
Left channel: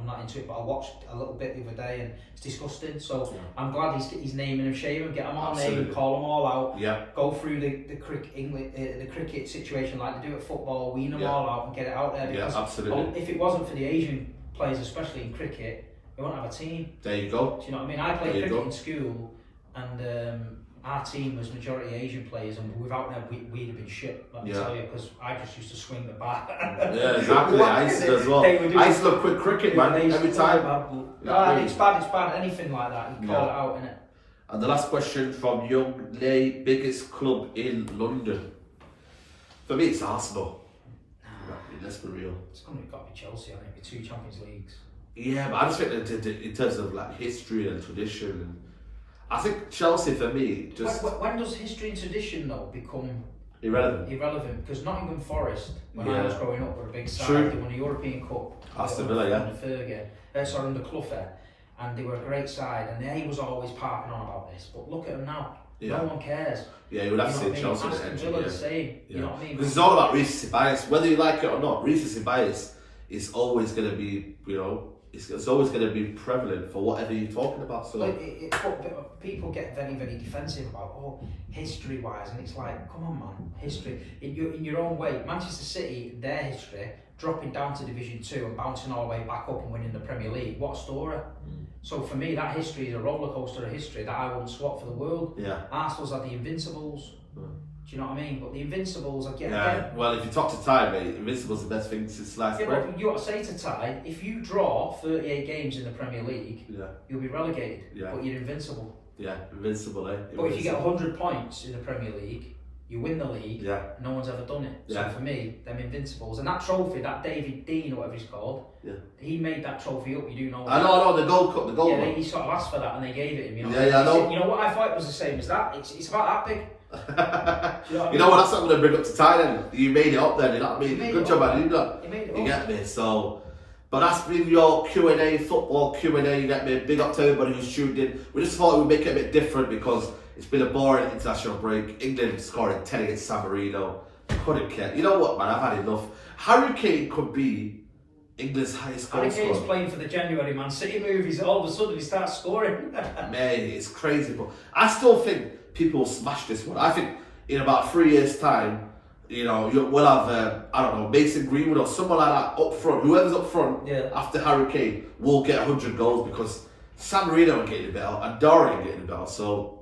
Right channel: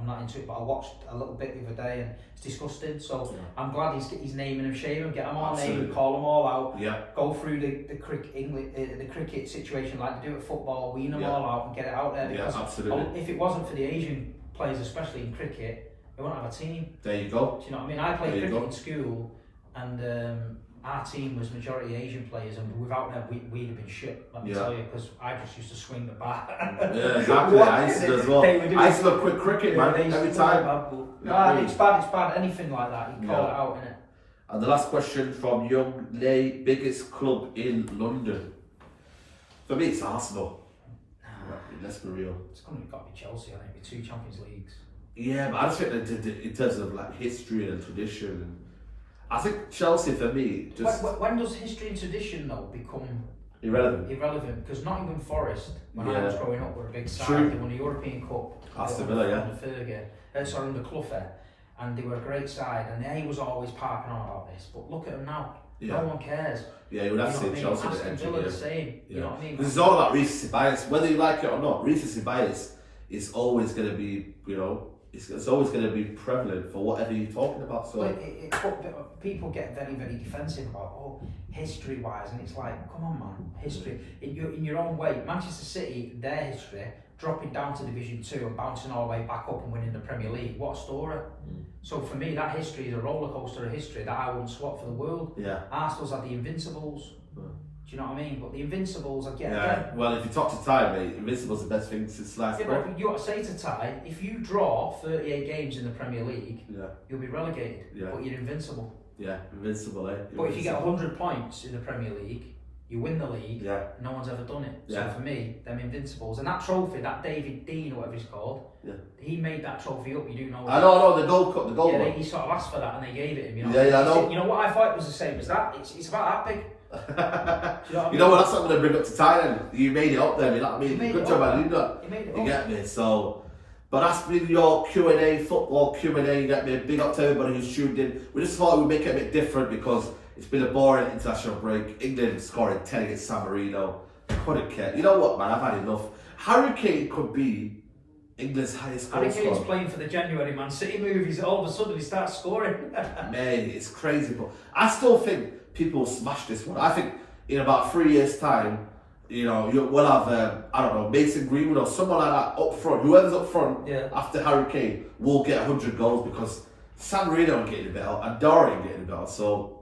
not into it, but I watched a little bit the other day, and it's disgusting. So I'm glad he's naming and shaming, get them all named, call them all out. Yeah. Go through the cricket situation like they do at football, wean them all out and get it out there. Because absolutely. If it wasn't for the Asian players, especially in cricket, we wouldn't have a team. There you go. Do you know what I mean? I played cricket in school, and our team was majority Asian players, and without them, we'd have been shit. Let me tell you, because I just used to swing the bat. Yeah, exactly. I used to as well. I used to look quick cricket, man, every time. No, it's bad. Anything like that, you call it out, innit? And the last question from Young Lay, biggest club in London. For me, it's Arsenal. Let's be real. It's got to be Chelsea, I think, with 2 Champions Leagues. Yeah, but I just think that in terms of like history and tradition, and I think Chelsea for me just. When does history and tradition though become irrelevant? Because Nottingham Forest, when I was growing up, were a big side. True. They won the European Cup. Aston Villa, under Fergie, under Clough, and they were a great side. And they was always parking on about this, but look at them now. No one cares. Yeah, you would have to say Chelsea. Aston Villa the same. You know what I mean? Because it's all about recency bias, whether you like it or not. Recency bias is always going to be, it's always going to be prevalent for whatever you're talking about. So but people get very, very defensive about history-wise, and it's like, come on, man, history in your own way. Manchester City, their history, dropping down to Division 2 and bouncing all the way back up and winning the Premier League. What a story! So for me, that history is a roller coaster of history that I wouldn't swap for the world. Yeah. Arsenal's had the Invincibles. Do you know what I mean? But the Invincibles, well, if you talk to Ty, mate, Invincibles the best thing since sliced bread. But you got to say to Ty, if you draw 38 games in the Premier League, you'll be relegated. Yeah. But you're invincible. Yeah, invincible, eh? But if you get 100 points in the Premier League, you win the league. Yeah. No one's ever done it. So for me, them Invincibles and that trophy, that David Dean or whatever he's called, he made that trophy up. You do know. I know, the gold cup, the gold one. He sort of asked for that and they gave it him. You know. Yeah, I know. You know what I thought was the same as that. It's about that big. You know what? That's what I'm going to bring up to Ty then. You made it up then. You know what I mean? Good job, man. You get me. So. But that's been your Q&A, football Q&A, you get me? Big up to everybody who's tuned in. We just thought we'd make it a bit different because it's been a boring international break. England scoring 10 against San Marino. Couldn't care. You know what, man? I've had enough. Harry Kane could be England's highest goal scorer. Harry Kane's playing for the January Man City movies. All of a sudden he starts scoring. Man, it's crazy. But I still think people will smash this one. I think in about 3 years' time, we'll have, I don't know, Mason Greenwood or someone like that up front. Whoever's up front after Harry Kane will get 100 goals because San Marino ain't getting better and Dore ain't getting better. So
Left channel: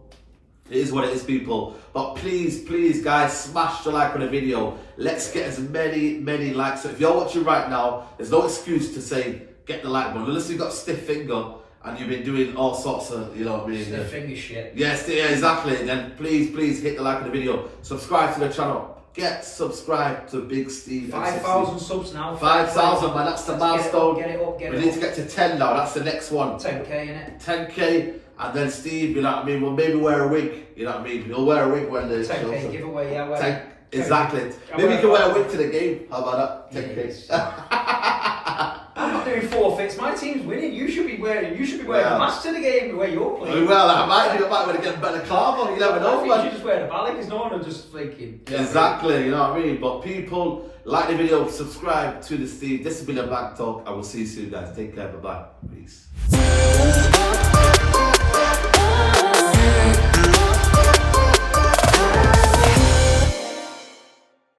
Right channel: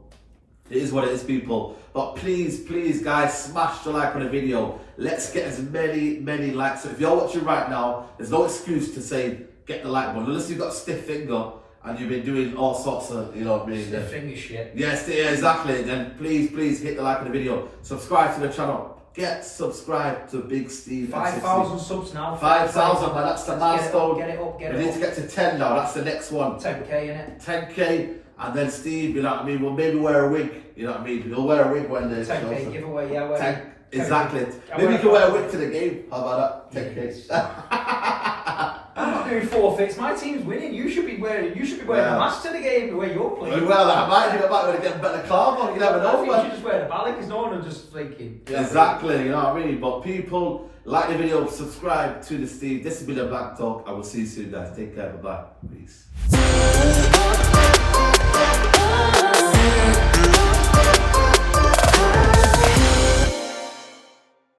it is what it is, people. But please, guys, smash the like on the video. Let's get as many likes. So if you're watching right now, there's no excuse to say get the like button. Unless you've got a stiff finger and you've been doing all sorts of, you know what I mean? Stiff finger shit. Yes, yeah, exactly. Then please hit the like on the video. Subscribe to the channel. Get subscribed to Big Steve. 5,000 subs now. 5,000, man. That's the milestone. Get it up. We need to get to 10 now. That's the next one. 10k, innit? 10k. And then Steve, you know what I mean? We'll maybe wear a wig. You know what I mean? He'll wear a wig when the 10k giveaway, yeah. Exactly. Maybe you can wear a wig to the game. How about that? 10k. I'm not doing forfeits. My team's winning. You should be wearing a mask to the game the way you're playing. Well, I might want to get a better club on. You never know, man. You should just wear the ballot because no one will just thinking. Exactly, you know what I mean? But people, like the video, subscribe to the Steve. This has been a Black Talk. I will see you soon, guys. Take care. Bye-bye. Peace.